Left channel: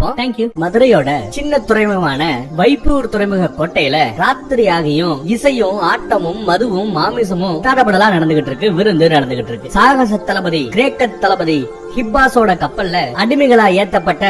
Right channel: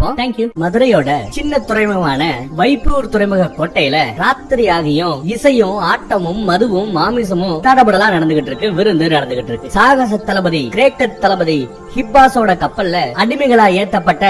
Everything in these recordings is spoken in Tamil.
பார்ப்போம். தேங்க்யூ மதுரையோட சின்ன துறைமுகமான வைப்பூர் துறைமுக கோட்டையில ராத்திரி ஆகியும் இசையும் ஆட்டமும் மதுவும் மாமிசமும் தடபடலா நடந்துகிட்டு இருக்கு விருந்து நடந்துகிட்டு இருக்கு. சாகச தளபதி கிரேக்க தளபதி ஹிப்பாஸோட கப்பல்ல அடிமைகளா ஏத்தப்பட்ட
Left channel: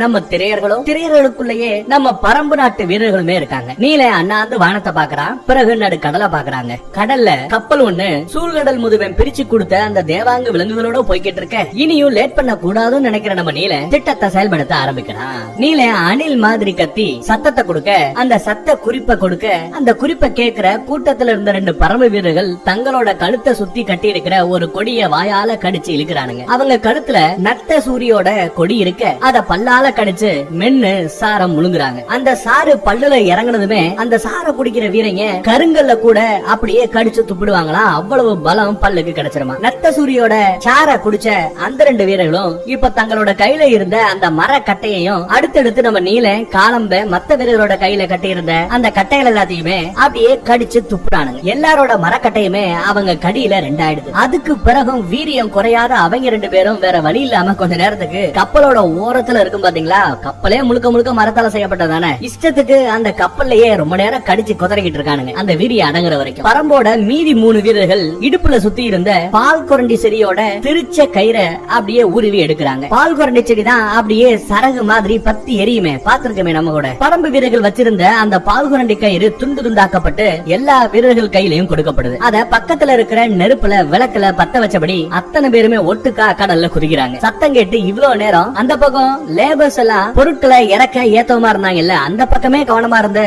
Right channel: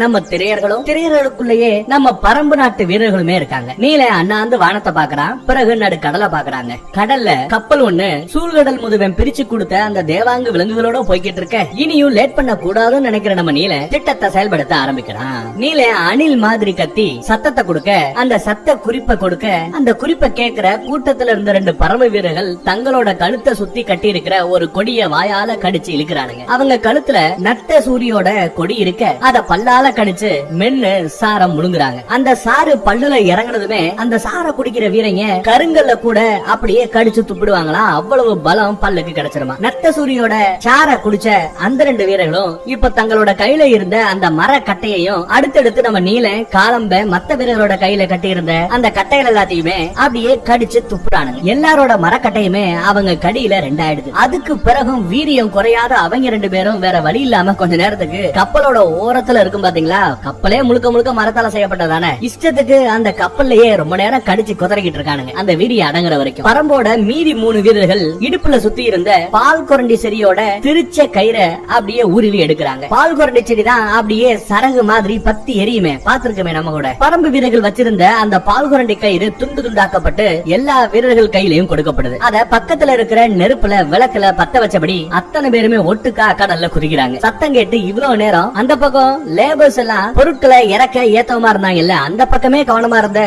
நம்ம திரையர்களும் திரையர்களுக்குள்ளேயே நம்ம பரம்பு நாட்டு வீரர்களுமே இருக்காங்க. நீல அண்ணாந்து வானத்தை பாக்குறான் பிறகு நடு கடலை பாக்குறாங்க கடல்ல கப்பல் ஒண்ணு சூழ்கடல் முதுவன் பிரிச்சு கொடுத்த அந்த தேவாங்க விலங்குகளோட போய்கிட்டு இருக்க. இனியும் லேட் பண்ண கூடாதுன்னு நினைக்கிற நம்ம நீல திட்டத்தை செயல்படுத்த ஆரம்பிக்கிறான். நீல அணில் மாதிரி கத்தி சத்தத்தை கொடுக்க அந்த சத்த குறிப்பை கொடுக்க அந்த குறிப்பை கேக்குற கூட்டத்துல இருந்த ரெண்டு பரம வீரர்கள் தங்களோட கழுத்தை சுத்தி கட்டி இருக்கிற ஒரு கொடிய வாயால கடிச்சு இழுக்கிறானுங்க. அவங்க கழுத்துல நட்ட சூரியோட கொடி இருக்க அத பல்லால கடிச்சு மென்னு சாரம் முழுங்குறாங்க. அந்த சாறு பல்லுல இறங்கினதுமே அந்த சாரை பிடிக்கிற வீரங்க கருங்கல்ல கூட அப்படியே கடிச்சு துப்பிடுவாங்களாம் அவ்வளவு பலம் பல்லுக்கு கிடைச்சிருமா. நத்த சூரியோட சாரை குடிச்ச அந்த ரெண்டு வீரர்களும் இப்ப தங்களோட கையில இருந்த அந்த மர கட்டையையும் அடுத்தடுத்து நம்ம நீல காலம்ப மத்த வீரரோட கையில கட்டி இருந்த அந்த கட்டைகள் எல்லாத்தையுமே அப்படியே கடிச்சு துப்புறானுங்க. எல்லாரோட மரக்கட்டையுமே அவங்க கடியில ரெண்டாயிடுது. அதுக்கு பிறகும் வீரியம் குறையாத அவங்க ரெண்டு பேரும் வேற வழி இல்லாம கொஞ்ச நேரத்துக்கு கப்பலோட ஓரத்துல இருக்கும் பாத்தீங்களா? கப்பலே முழுக்க முழுக்க மரத்தால செய்யப்பட்டதானே இஷ்டத்துக்கு அந்த கப்பல்லையே ரொம்ப நேரம் கடிச்சு குதறிக்கிட்டு இருக்கானுங்க. அந்த விதி அடங்குற வரைக்கும். பரம்போட மீதி மூணு வீரர்கள் இடுப்புல சுத்தி இருந்த பால் குரண்டி செடியோட திருச்ச கயிற அப்படியே உருவி எடுக்கிறாங்க. பால் குரண்டி செடி தான் அப்படியே சரகு மாதிரி பத்தி எரியுமே. பாத்திருக்கமே நம்ம கூட. பரம்பு வீரர்கள் வச்சிருந்த அந்த பால் குரண்டி கயிறு துண்டு துண்டாக்கப்பட்டு எல்லா வீரர்கள் கையிலையும் கொடுக்கப்படுது. அத பக்கத்துல இருக்கிற நெருப்புல விளக்குல பத்த வச்சபடி அத்தனை பேருமே ஒட்டுக்கா கடல்ல குதிக்கிறாங்க. சத்தம் கேட்டு இவ்வளவு நேரம் அந்த பக்கம் லேபர் லேபர்ஸ் எல்லாம் பொருட்களை இறக்க ஏத்தவமா இருந்தாங்கல்ல? அந்த பக்கமே கவனமா இருந்த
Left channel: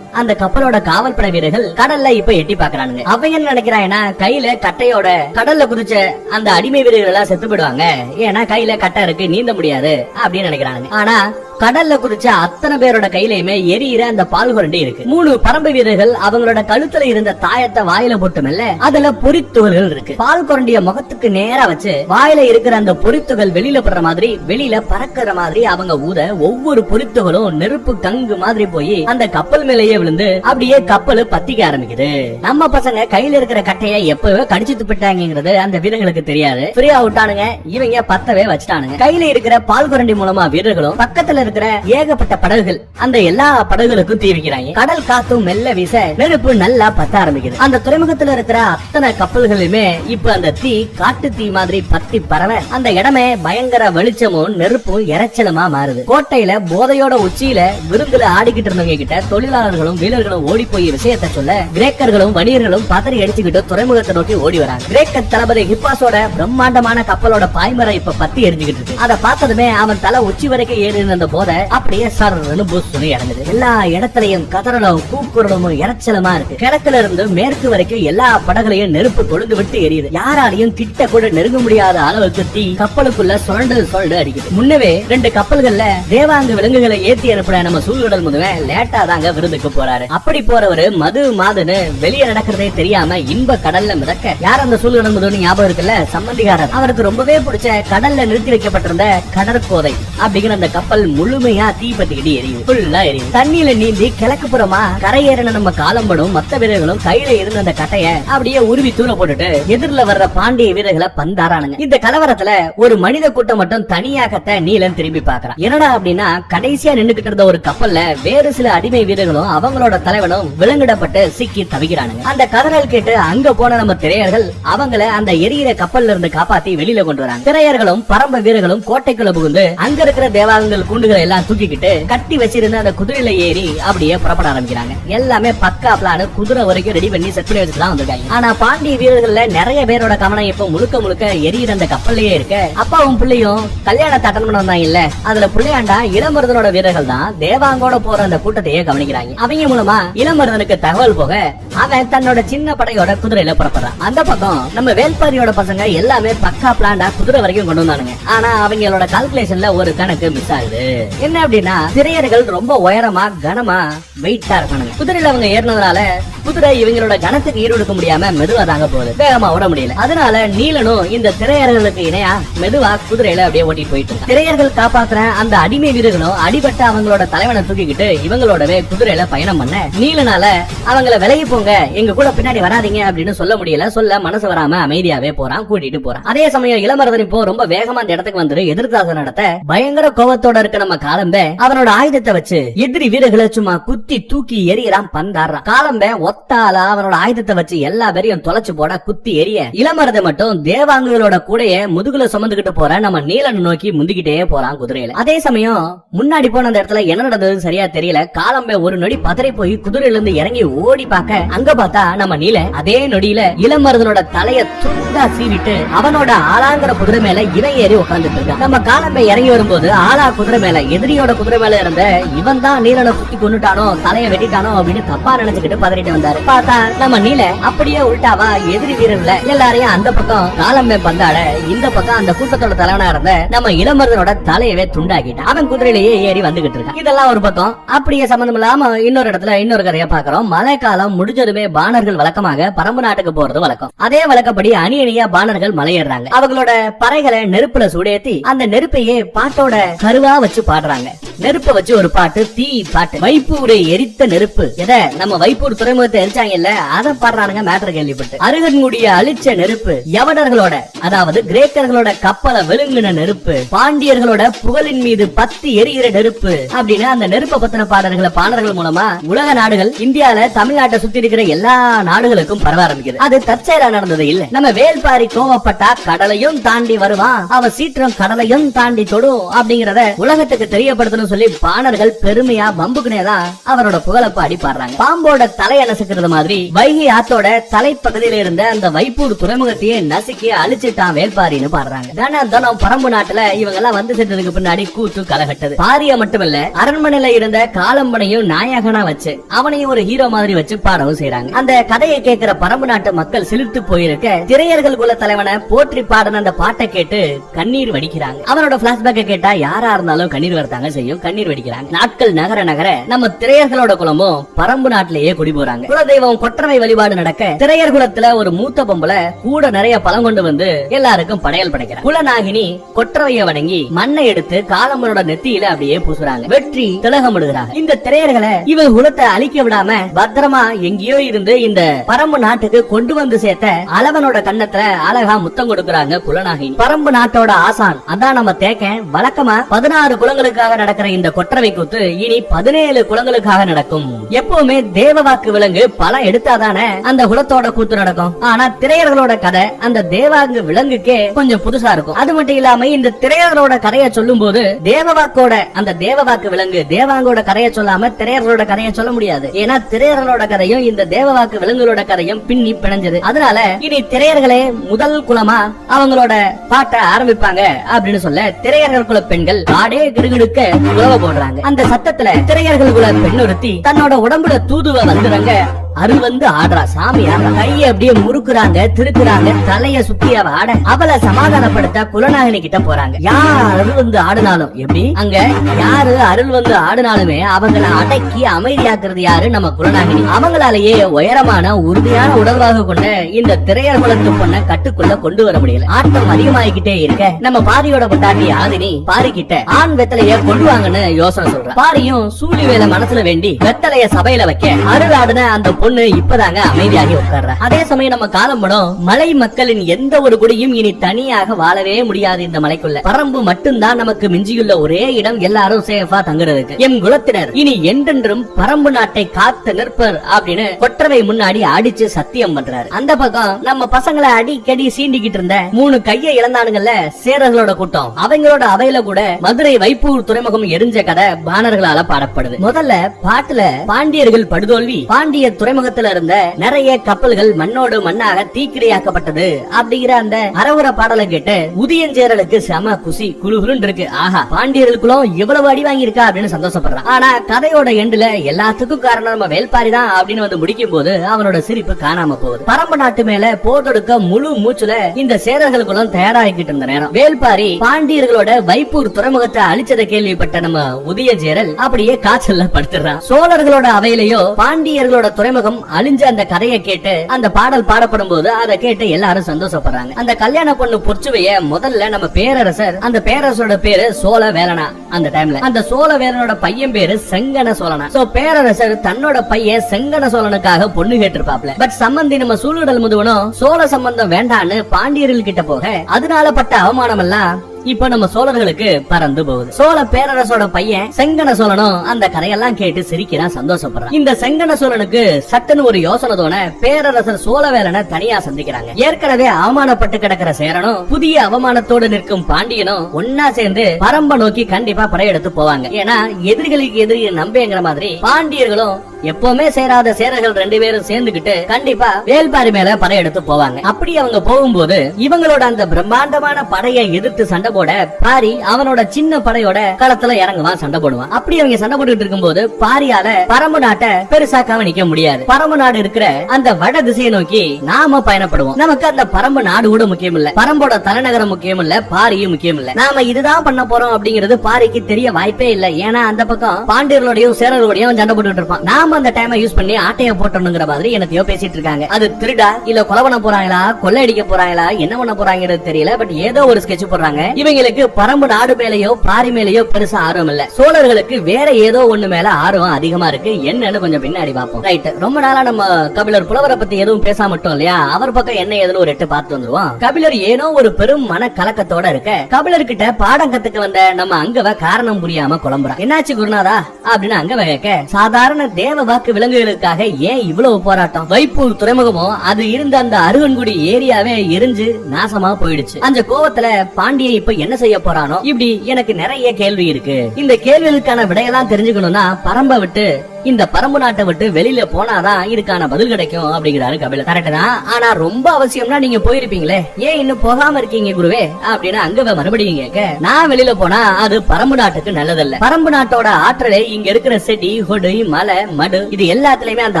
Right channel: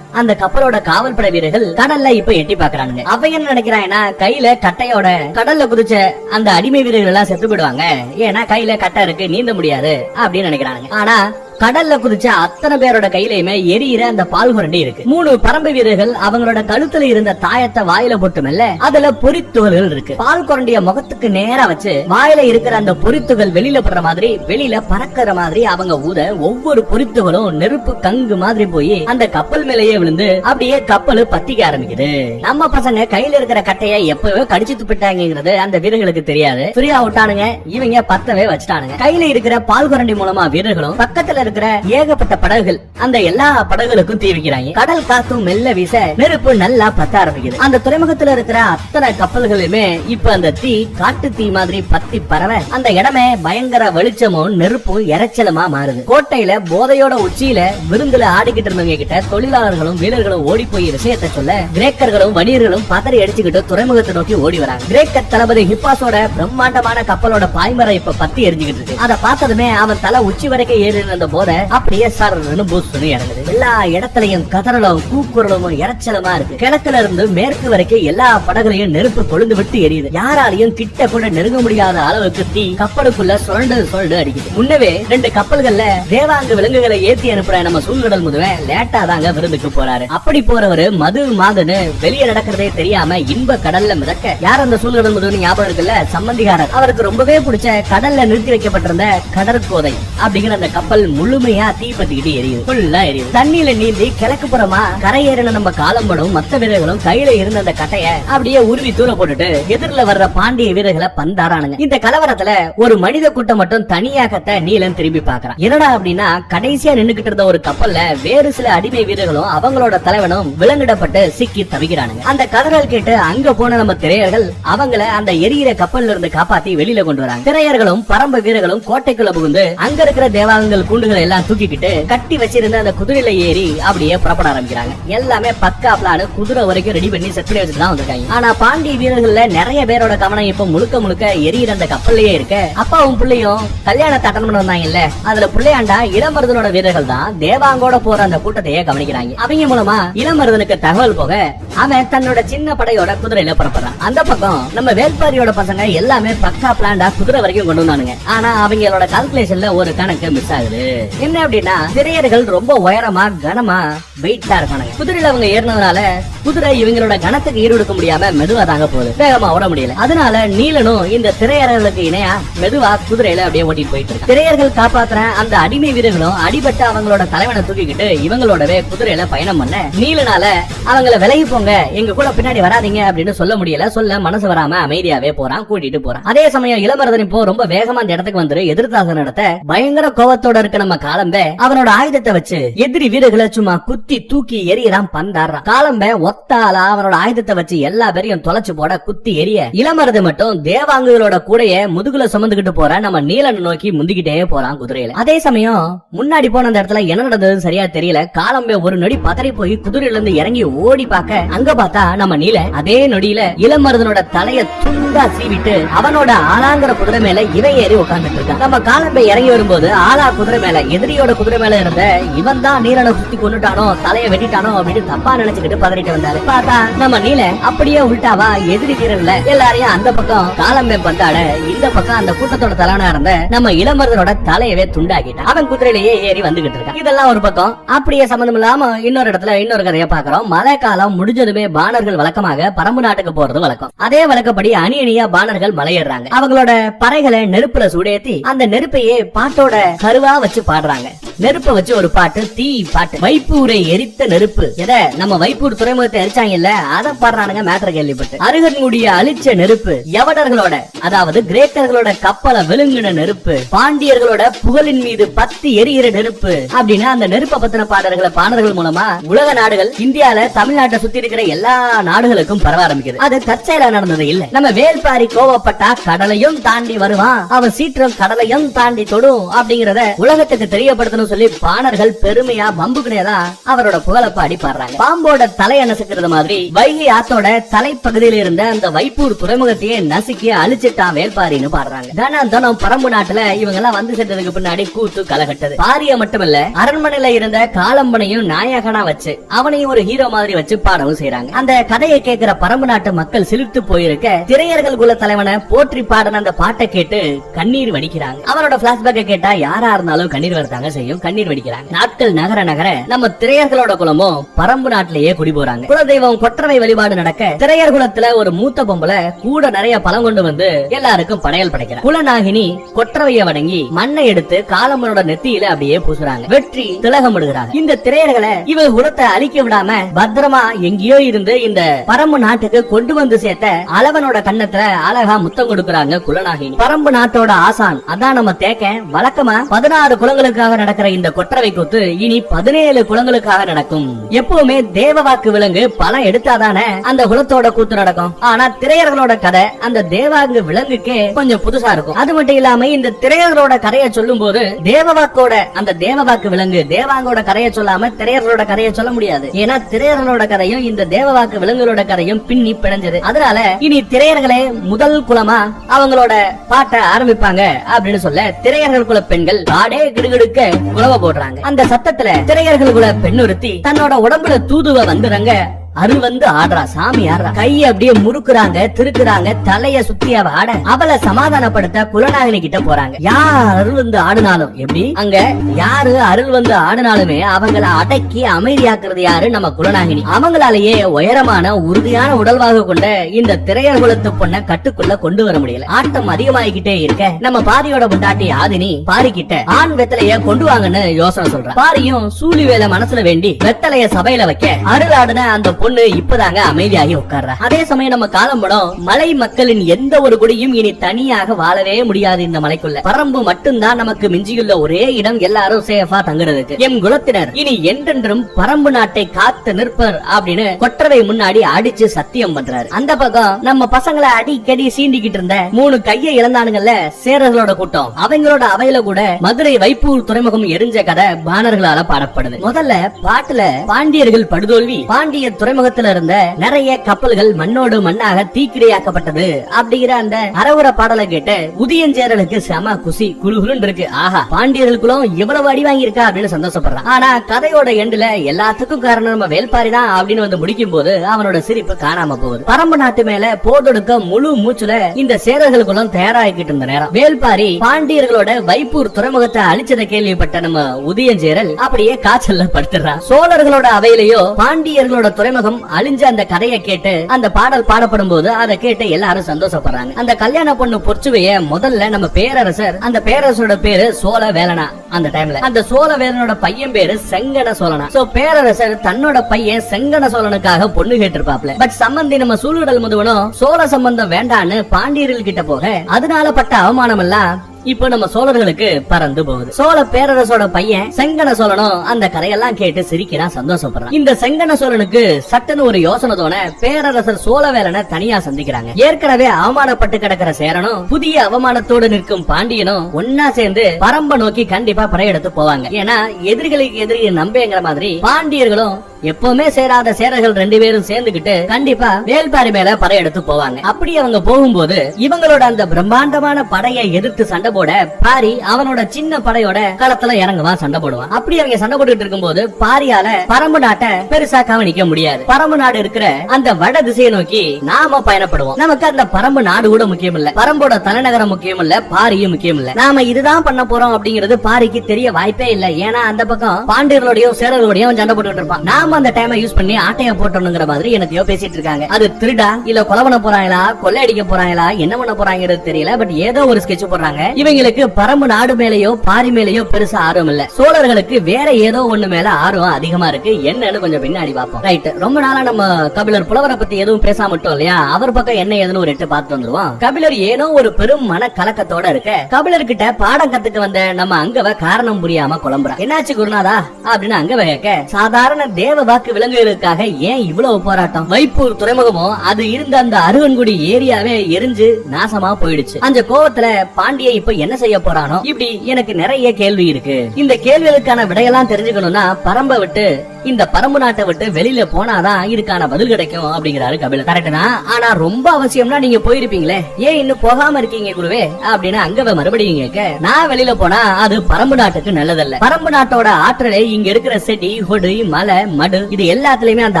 அந்த கப்பலோட காவல்படை வீரர்கள் கடல்ல இப்ப எட்டி பாக்குறானுங்க. அவ என்ன நினைக்கிறாங்கன்னா கையில கட்டையோட கடல்ல குதிச்ச அந்த அடிமை வீரர்கள் எல்லாம் செத்து போயிடுவாங்க. ஏன்னா கையில கட்டை இருக்கு நீந்த முடியாது அப்படின்னு நினைக்கிறானுங்க. ஆனா கடல்ல குதிச்ச அத்தனை பேரோட கையிலயுமே எரியிற அந்த பால் குரண்டி இருக்கு. மூணு பரம்பு வீரர்கள் அவங்களோட கழுத்துல இருந்த தாயத்தை வாயில போட்டு மெல்ல அதுல பொறித்துகள்கள் இருக்கு. பால் குரண்டிய முகத்துக்கு நேரா வச்சு வாயில இருக்கிற அந்த பொறித்துகள் வெளியில படுற மாதிரி வெளியில பறக்கிற மாதிரி அவங்க ஊத ஒவ்வொரு பொறித்துகளும் நெருப்பு கங்கு மாதிரி போய் அந்த கப்பல் மேலேயே விழுந்து அப்படியே கப்பல் பத்திக்க ஆரம்பிக்குது. நம்ம பசங்க கையில இருக்கிற கட்டைய எப்பவே கடிச்சு துப்பிட்டாங்கிறது அந்த வீரர்களுக்கு தெரியாது. ஃப்ரீயா விட்டானுங்க இவங்க பத்தவே வச்சுட்டானுங்க. கையில இருக்கிற பால் குரண்டி மூலமா வீரர்களும் பக்கத்துல இருக்கிற ஏகப்பட்ட படகுகள். அந்த எல்லா படகுகளுக்கும் தீ வைக்கிறாங்க. கடல் காத்தும் மெல்ல வீச நெருப்பு நல்லா பத்த ஆரம்பிக்குது. அந்த துறைமுகத்துல இருக்கிற அத்தனை கப்பல்களுமே இப்ப அந்த தீ காட்டு தீ மாதிரி பத்தி பரவ அந்த இடமே பயங்கர வெளிச்சமும் நெருப்பும் இறைச்சலுமா மாறுது. கோட்டையில போதையோட உச்சியில விருந்துல ஆடிக்கிட்டு இருந்தவங்க கிட்ட தொழிலாளர்களும் வீரர்களும் ஓடி போய் விஷயத்தை சொல்ல கிரேக்கர்களும் வணிகர்களும் பதறி அடிச்சுக்கிட்டு துறைமுகத்தை நோக்கி ஓடி வராங்க. கிரேக்க தளபதி ஹிப்பாஸோட பிரம்மாண்டமான கப்பலோட பாய்மரை இப்ப பத்தி எரிஞ்சுக்கிட்டு இருக்கு. அதை பார்த்ததுமே அவன் தலை உச்சி வரைக்கும் ஏறி இருந்த போற அப்படியே சரன்னு பூஸ் இறங்குது. எல்லா இடத்துலயும் கதறலும் கூக்குரலும் இறைச்சலமா இருக்கு. கிழக்குல இருந்து மேற்கு வரைக்கும் எல்லா படகுலையும் நெருப்பு கொழுந்து விட்டு எரியுது. யாராலையும் கிட்ட கூட நெருங்க முடியாத அளவுக்கு தீ கப்பலுக்குள்ள சுரண்டு சுரண்டு அடிக்குது. முன்னவே ரெண்டு கப்பல்கள்ல தேவாங்கு விலங்குகளை ஏத்தி அனுப்புற நம்ம சூழ்கடல் முதவன் லேட்டா தாங்க விருந்துக்கு போறாரு. அப்படி போறவரு மது மாதுன்னு வெளியே நடக்கிறதே தெரியாம இன்ப கடல்ல மிதக்க. யார் அந்த சூழ்கடல் முதவன் ஞாபகம் இருக்குல்ல? சம்பந்திகாரர். அவருக்கு ரொம்பவே பிடிச்ச கடல்ல நிறுத்தி வைக்கப்பட்டிருந்த கடற்கோதை அப்படிங்கிற அந்த கப்பல் முழுமையா தீப்பட்டுக்கிட்டு எரியும். ஃபுல்லா எரியும். தண்ணியில நீந்தி கிழக்கு புறமா கரையேறின நம்ம காலம்படும் மத்த வீரர்களும் கையில இருந்த அந்த கட்டைய அப்படியே உருவி தூர போட்டுட்டு எதிரில வர்ற பாண்டிய வீரர்களை பந்தாரானுங்க. இந்த கலவரத்துல ஒரு மனித கூட்டம் மட்டும் தனியா கத்த நீலன் திரும்பி பாக்குறான் என்னடா அப்படின்னா கடைசியா நின்னுகிட்டு இருந்த ஒரு கப்பல்ல வேறு சில அடிமை வீரர்களும் அவங்களோட தலைவனும் விலங்கிடப்பட்டு சிக்கி தவிக்கிறானுங்க. அந்த கதறல் கேட்டு அங்க போன நம்ம திரையர்கள் அவங்கள அந்த எரியிற கப்பல்ல இருந்து காப்பாத்தி வெளியில கொண்டு வராங்க. திரையர்களும் பரம்ப வீரர்களும் கோட்டைக்குள்ள புகுந்து அங்க இருக்கிற தேவாலயங்கள் கூண்டுகள் எல்லாம் தூக்கிக்கிட்டு கட்டி வச்சிருந்த அந்த குதிரையில ஏறி அப்படியே புறப்பட ஆரம்பிக்கிறாங்க. எல்லாமே பக்கா பிளான் குதிரை வரைக்கும் ரெடி பண்ணி செட் பண்ணி வச்சுட்டு தான் வந்திருக்காங்க. ஆனா பாண்டிய வீரர்கள்ல நிறைய பேரோட கவனம் இப்போ முழுக்க முழுக்க எரியிற அந்த கப்பல்லையே இருக்கு. அப்பாவும் பிள்ளையும் கல்யாணத்தை அட்டன் பண்ண வந்தாங்க இல்ல. அதுல பிள்ளையாண்டா இளமருதனோட வீரர்கள் தான் தேவாங்கோட போற அந்த கூட்டத்தையே கவனிக்கிறாங்க. அவங்க மூலமா இளமருதனுக்கு தகவல் போக அவன் தன்னோட சின்ன படையோட குதிரையில புறப்படுறான். அந்த பக்கம் நம்ம வேல்பாரியோட பசங்க எல்லாமே பக்கா பிளான்டா குதிரை வரைக்கும் கொண்டு வந்தானுங்க. ஆனா அவங்களோட கால்குலேஷன்ல ஒரு கணக்கு மிஸ் ஆகுது. என்ன அப்படின்னா திரையர்கள் ரொம்ப உயரமா கனமா வெயிட்டா இருக்கானுங்க. குதிரையில அவங்க ஏறினதுனால குதிரை இவங்களோட கனத்துக்கு ஈடு கொடுக்க முடியாம மெதுவா தாங்க போகுது. வேகமா ஓட முடியல. அதனால நீலனும் இந்த திரையர்களுக்கு இணையா மெதுவா குதிரையில அப்படியே ஓட்டிட்டு போயிட்டு திரையர்கள் காப்பாத்துற அந்த அடிமை வீரர்களும் அடிபட்டு அவங்களோட தலைவனை தூக்கிக்கிட்டு இவங்களோடவே குதிரையில பயணம் பண்ண நீலனால அவங்கள விலகி போங்க எங்க கூட பின்னாடி வராதிங்க அப்படின்னு சொல்ல முடியல. சொல்ல மனசு வராம அமைதியாவே போறான் கூட்டிட்டு போறான். அதே சமயம் இளமரதன் இப்போ ரொம்ப வேகமா அந்த இடத்துக்கு வந்துரு எதிர்த்தாசம் நடத்த பயங்கர கோவத்தோட இருக்க நம்ம நம்ம காலம்ப அவனோட ஆயுதத்தை வச்சு எதிரி வீரர்களை சும்மா குத்தி தூக்கி எரியறான் பந்தாடுறான் காலம்ப ஒத்தாலா அவனோட ஆயுதத்தை வச்சு எல்லா பேரையும் தொலைச்சு போட குத்தி எரிய இளமரது மட்டும் தேவாங்குகளோட கூடைய முதுகுல சுமந்துகிட்டு போற நம்ம நீலன் நோக்கி முந்திக்கிட்டே போறான் குதிரையில. அதே சமயம் முன்னாடி போன அந்த இடத்துல என்ன நடந்ததுன்னு சரியா தெரியல. காலம்பே ஒரு நொடி பதறி போய் குதிரையில இருந்து இறங்கி ஓடி பார்க்க அங்க பார்த்தா நம்ம நீல அதே நொடியில இளமரதனோட தலைய துண்டா சீவிட்டு அவனோட ஆளாங்கிற குதிரை மேல இவன் ஏறி உட்கார்ந்துட்டு இருக்கான். நம்ம காலம்பே இறங்கி வரும்போது ஆளா குதிரை மேல எதிரியோட குதிரை மேல இருந்த இவன் தான் நீலனை சுத்தி கொண்டுட்டானோ தலையை வெட்டிட்டானோ அப்படின்னு தப்பா நினைச்சுக்கிட்டு பதறிட்டு வந்தாரு. பார்த்தா நம்ம நீல அப்படியே உள்டாவா எதிரி வீரன்ல எல்லாரையும் அந்த பக்கம் காலம்பே பந்தாட இந்த பக்கம் அந்த கூட்டத்தோட தலைவனா இருந்த நம்ம இளமருதனோட தலையவே துண்டாக்கிட்டான். அவன் குதிரையிலேயே ஏறி வந்துகிட்டு இருக்கான். இதெல்லாம் ஒரு பக்கம். அப்படியே சம்பந்தம் இல்லாம இன்னொரு இடத்துல இன்னொரு கதையை பாக்குறோம் மழை காலம் முடிஞ்சதுமே பாணர்கள் வழக்கமாக பரம்பு நாட்டுக்கு போறது வழக்கம். அதே வழக்கப்படி அணி அணியா பாணர்கள் மலையேறாங்க. அவங்களோட பறைகளை நெருப்புல சுடேத்தி அந்த நெருப்பையே பாட்டோட கருவா வச்சு பாடுறாங்க. நெருப்ப வச்சு ஒரு பாட்டு தீ பாட்டு. வைப்பூரை எரித்த நெருப்பு. எத? நம்ம வைப்பூர் துறைமுகத்தை எரிச்சாங்கல்ல அத பாடுறானுங்க மேட்டர் கேள்விப்பட்டு அருகன்முடிய அழிச்ச நெருப்பு யவனர்களோட அதாவது கிரேக்கர்களோட கப்பலை வெளுங்கின நெருப்பு பாண்டியர்களோட புகழின் மீது பத்து எரிகிற நெருப்பு அப்படின்னு அந்த நெருப்ப பத்தின பாடல்களை பாடல்கள் மூலமா உலக நாடுகள் இந்தியால தமிழ்நாட்டை சுத்தி இருக்கிற எல்லா நாடுகளுக்கும் பரவ ஆரம்பிக்குது. அது தற்செயலா நடந்தது இல்ல. நம்ம வேல்பாரி கோவப்பட்டா கடலையும் தாண்டி வருவான். அவன் சீற்றம் கடலையும் தாண்டி தொடும் அப்படிங்கறத உலகத்தை உலகத்துக்கு தெரியப்படுத்தணும் சொல்லி பாணர்கள் பெருமையா பம்புக்குனேதான் அவரோட புகழ பாடி பாடுறாங்க. பாம்போட தலையை நசுக்கிறது மாதிரி வைகை ஆத்தோட தலைப்பகுதியில இருந்த அந்த வைப்பூர் துறைமுகத்தையே நசுக்கி அழிச்சிட்டான் வேல்பாரின்னு பாடுறாங்க. தினம் தினம் பரம்பு நாட்டுல இவங்க எல்லாம் வந்து சென்றதுக்கு பின்னாடி கூத்து கலகட்டது. பாரிய மட்டுமல்ல அரண்மனையில இருந்த காலம்பனையும் நாயகனா வச்சு அவனையும் ஒரு ஹீரோ மாதிரி வச்சு பாடவும் செய்றாங்க. அந்த கதையை கேட்கிற பரம்பு நாட்டு மக்கள் சிலிர்த்து போயிருக்க திரையர்கள் குல தலைவனை போற்றி பாடின அந்த பாட்டை கேட்டு கண்ணீர் வடிக்கிறாங்க. அவனோட பிளாஷ்பேக்கை கேட்டா யாரா இருந்தாலும் கண்ணீர் வரத்தாங்க செய்யும். கண்ணீர் வெடிக்கிறாங்க நாட்கள் நகர நகர நம்ம திரையர்களோட குலமும் பரம்பு நாட்டிலேயே குடி போறாங்க. குலதெய்வம் கொற்றமை வழிபாடு நடக்க திரையர் குலத்துல ஒரு மூத்த பொம்பளை கூட நிறைய பழம் கொண்டு வந்து எல்லாருக்கும் படையல் படைக்கிறாங்க குலநாகினி கொற்றவைய வணங்கி மண்ணை எடுத்து காலம்பரோட நெத்தியில அப்படியே பூசுறாங்க. வெற்றி திலகம் விடுகிறாங்க இந்த திரையர்களை இவர் குலத்தை அழிக்க விடாம பத்திரமா எங்கேயோ இருந்து இந்த பரம்பு நாட்டுக்கு கொண்டு வந்து சேர்த்த அளவனோட கண்ணத்துல அழகா முத்தம் கொடுக்கறாங்க குலநாகினி. பரம்பு நாட்டோட ஆசான். அதான் நம்ம தேக்க. வழக்கமா பதினாறு குல குலங்களுக்காக நடக்கிற இந்த கொற்றவை கூத்து இனி பதினேழு குலங்களுக்காக நடக்கும். எப்பவுமே தேவவாக்கு விலங்கு பணம் எடுத்தாதானே அந்த குலத்தோட கூத்து நடக்கும். ஆனா திரையர்களோட கதை அந்த தேவாங்கு விலங்குக்கே கொஞ்சம் புதுசா இருக்கும். அது மட்டும் இல்லாம இந்த திரையர்களோட கதையை சொல்லும் போது தேவவாக்கோட அந்த தேவவாக்கு விலங்கு தேவாங்கோட கதையை சொல்லாம திரையர்களோட கதையை சொல்ல முடியாது. ஏன்னா திரையர்களோட கதையும் இந்த தேவவாக்கு விலங்குகளோட கதையும் பின்னி பிணைஞ்சது. அதனால இனி திரையர்களே முதல் குலமா அவங்களோட பாட்டை ஆரம்பிப்பாங்க அப்படின்னு சொல்ல திரையர்கள் குல பெண்கள் ஆடே கிடுகிடுக்க உறவ போடுறாங்க. அந்த சத்தத்துல திரையர்களுக்குள்ள பெண்ணொருத்தி தன்னோட உடம்புல தூதுவ வந்துடுறாங்க அருள் வந்து ஆடுறா சாமி கைய அப்படியே முறுக்குறாங்க திருக்குறாங்க தலைய சுத்தி அவ ஆட அவளை சமாதானப்படுத்த குலநாகலி கிட்ட போறாங்க. யார் அருள் வந்து ஆடுனாலும் எப்படி? அங்க யாரு அருள் வந்து ஆடுனாலுமே அவங்கள அடக்கி அமைதியாக்குறது யாரு? நம்ம குலநாகலி அவங்களாலேயே உயரமான உறுதியான உடல்வாக கொண்ட இந்த திரையர் குலத்து பொண்ண கட்டுக்குள்ள கொண்டு வர முடியல. ஆட்டம் அதிகமாகிக்கிட்டே இருக்க. நம்ம பாரியோட கொண்டாட்டி ஆதினி பாரி கிட்ட ஆண் வெத்தலைய கொண்டு வாங்கன்னு யோசனை சொல்றா. பாரியும் சூழி வேலை மனசுல வேண்டி வெத்தலைய சபையில வைக்க அருள் ஆடுன அந்த பொண்ணு இப்பதாங்க அமைதியாகி உட்கார்றா. அதே சமயம் நம்ம காலம் படம் மலை மக்களின் எந்த ஒரு குடியும் இனி தனியாக வாழவே முடியாது இந்த மலைக்குள்ள. பரம்பு மட்டும்தான் நமக்கு மிஞ்சியுள்ள ஒரே இடம் எல்லாரும் சேஃபா தங்குறதுக்கு. எம் குலத்தினர் இனி என்றென்றும் பரம்பு நாட்டை காத்து நிற்பர் அப்படின்னு கொற்றவை முன்னாடி அடிச்சு சத்தியம் பண்றாரு. அந்த பக்கம் நம்ம பசங்களை அடிக்கடி சீண்டிக்கிட்டு இருந்த மூணு கையை இழந்தானுங்கல்ல சேரர்களோட கூட்டம். அவங்களோட அவையில கூட மதுரை வைப்பூர் துறைமுகம் எரிஞ்ச கதை பாணர்களால பாடப்படுது. முதல்ல பாட்டுல பாண்டியர்கள் படுதோல்வி பாண்டிய துறை துறைமுகத்துல இருந்த நிறைய கப்பல்கள் மண்ணோடு மண்ணாக தீக்கிரையாக்கப்பட்டது அப்படிங்கிற அந்த அறவுற பாடலை கேட்டு உதயஞ்சேரனுக்கு செம குசி குழுகுலுன்னு இருக்கு ஆஹா பாண்டியர்களுக்குள்ளும் எவ்வளவு அடி வாங்கியிருக்கா அப்படின்னு சந்தோஷப்படுறான். ஆனா கதையோட எண்டுல எல்லாத்துக்கும் காரணம் நம்ம வேல்பாரி தான் அப்படின்னு வந்து முடிக்கும் போது அவனோட சிரிப்பு காணாம போகுது. பரம்பு நாட்டு மேல போர் தொடுக்க முழு மூச்சுல இந்த சேரர்களுக்குள்ள தயாராகிக்கிட்டு இருந்த நேரம். வேல்பாரி பாண்டியர்களோட வைப்பூர் துறைமுகத்தை அழிச்சதை கேள்விப்பட்ட நம்ம உதயஞ்சேரல் அப்படியே காய்ச்சல்ல படுத்துறான். சோழர்களோட அவையிலேயோ பாண்டியர்களோட துறைமுக முழுவதும் அழிஞ்ச அந்த கதையை கேட்டு அந்த பாடல் பாடப்படும் போது அதை கேட்டு எல்லாரும் சந்தோஷப்படுறாங்க. அந்த கல்யாண பொண்ணு புரிச்சுவைய முதல்ல நம்ம பேரரசர் அந்த பேரரசோட பேரு சோழ வேலனா அந்த டைம்ல அந்த சோழ வேலனோட பையன் பேரு செங்கன சோழனா. சோ பேரரசர் தன்னோட பையன் செங்கன சோழனுக்காக பொண்ணு கேட்டிருப்பாப்ல பட் சம்பந்தி நம்ம சூழ்நிடல் முதவனும் சோழ சம்பந்தம் வேண்டான்னு பாண்டியர்கள் கிட்ட போக அதனால பட்ட அவமானம் எல்லாம் இப்ப நம்ம சோழர்களுக்கு பறந்து போகுது. சோழ பேரரசோட பையன் செங்கன சோழனும் அந்த கதையெல்லாம் கேட்டு சிரிக்கிறான் சந்தோஷப்படுறான். இந்த செங்கன சோழனுக்கு சட்டுன்னு ஒரு யோசனை தோண பேரரசர் சோழவேலனை தனியா சந்திக்கிறாங்க. ஏற்கனவே அவமானப்பட்டு கிடக்கிற சேரனும் புதிய அவமானத்தோடு நிற்கும் பாண்டியனும் ஒன்னா சேர்ந்து பரம்ப நோக்கி கண்டிப்பா படையெடுத்து போவாங்க. ஏன்னா எதிரிகளுக்கு எதிரியை நம்பிங்கிற மாதிரி பாண்டியர்களும் எப்பவுமே சேராத சேரர்கள் ரெண்டு பேரும் சேர்ந்துகிட்டு கண்டிப்பா வேல்பாரி மேல படை எடுத்து போவாங்க. அப்படி அவங்க போகும்போது இவங்களோட அந்த பிரம்மாண்டமான படையை எதிர்த்து சண்டை போட பாரி அவனோட சின்ன படையோட களத்துல இறங்குவான் சண்டை போடுவான் அப்படி அவங்க சண்டை போட்டுட்டு இருக்கும்போது பாரியால பரம்பு நாட்டை பெருசா கவனிக்க முடியாது. பரம்பு நாடு இருக்கிற அந்த வட திசையை நோக்கி நாம பயணப்படுவோம். நமக்கு அந்த பரம்பு நாடு கூட முக்கியம் இல்ல பரம்போட தலைநகரம் முக்கியம் இல்ல பாரியும் முக்கியம் இல்ல நாம இதுதான் பண்ண போறோம் அப்படிங்கிறது பாரிக்கு தெரிய வாய்ப்பே இல்ல. ஏன்னா அந்த பக்கம் பாண்டியர்களோடயும் சேரர்களோடயும் சண்டை போட்டுட்டு இருப்பான். நாம அந்த டைமை யூஸ் பண்ணி ஆட்டையா போட்டணுங்கிற மாதிரி என்னத்தையோ பேசிட்டு இருக்காங்க. அது திருடா? இல்ல கொலை பண்ண போறாங்களா? கொள்ளை அடிக்க போறாங்களா? என்ன பண்ண போறாங்கிறது தெரியல. பட் ஏதோ ஒரு ஸ்கெட்ச் போடுறாங்க. இவங்களுக்கு பரம்பு நாடு மேலயோ பாரி மேலயோ பெருசா ஆர்வம் இல்ல. சோழர்களுக்கு வேற ஏதோ ஒண்ணு மேல ஆர்வம் அதிகமா இருக்கு. என்னன்னு கொஞ்சம் பின்னாடி பார்ப்போம். ரைட் ரொம்ப நாளா நம்ம கபிலர் புலவரை பத்தி எதுவும் பேசாம மட்டும் இல்லையா? அவர் பக்கம் என்ன ஏதுன்னு ஒரு எட்டு பார்த்து வந்துருவோம். கபிலர் ஏனோ ஒரு பெரும் மன கலக்கத்தோட இருக்க. கபிலர்கிட்ட பாடம் கத்துக்க வந்த நம்ம அங்கவ காரணம் புரியாம குழம்புறா. என்னாச்சு குருநாதா? அப்படின்னு அங்கவ கேட்க சாதாரண தேவ வாக்கு விலங்குகளுக்காக ஏன் இவ்வளவு போராட்டம்? வைப்பூர் துறைமுகமும் அது இருந்த அந்த அருவன்குடி ஏரியாவே எரிஞ்சு நாசமா போயிடுச்சு. அந்த கோவத்துல பாண்டிய இப்ப என்ன செய்ய போறானோ? இப்படி எனக்கு நிறைய கேள்வி இருக்கு. இந்த கேள்விகளுக்கான விடையெல்லாம் தெரிஞ்சுக்கணும்னா பரம்ப விட்டு இந்த பரம்பு நாட்டை விட்டு வெளியில போனாதான் இதுக்கான பதில் கிடைக்கும் அப்படிங்கிறாரு கபில. கரெக்ட் தான். ஆனா ரொம்ப அவசியம்னா நீங்க போயிருப்பீங்களே. ஏன் இன்னும் போகாம இருக்கீங்க குருவே? அப்படின்னு அங்க மறுபடியும் கேட்க நான் வெளியில போனா அது பரம்பு நாட்டுக்கு நல்லதல்ல. பரம்பு நாட்டோட ஆற்றலே இங்க இருக்கிற செடி கொடு மலை மடு இது எல்லாத்துலயுமே அந்த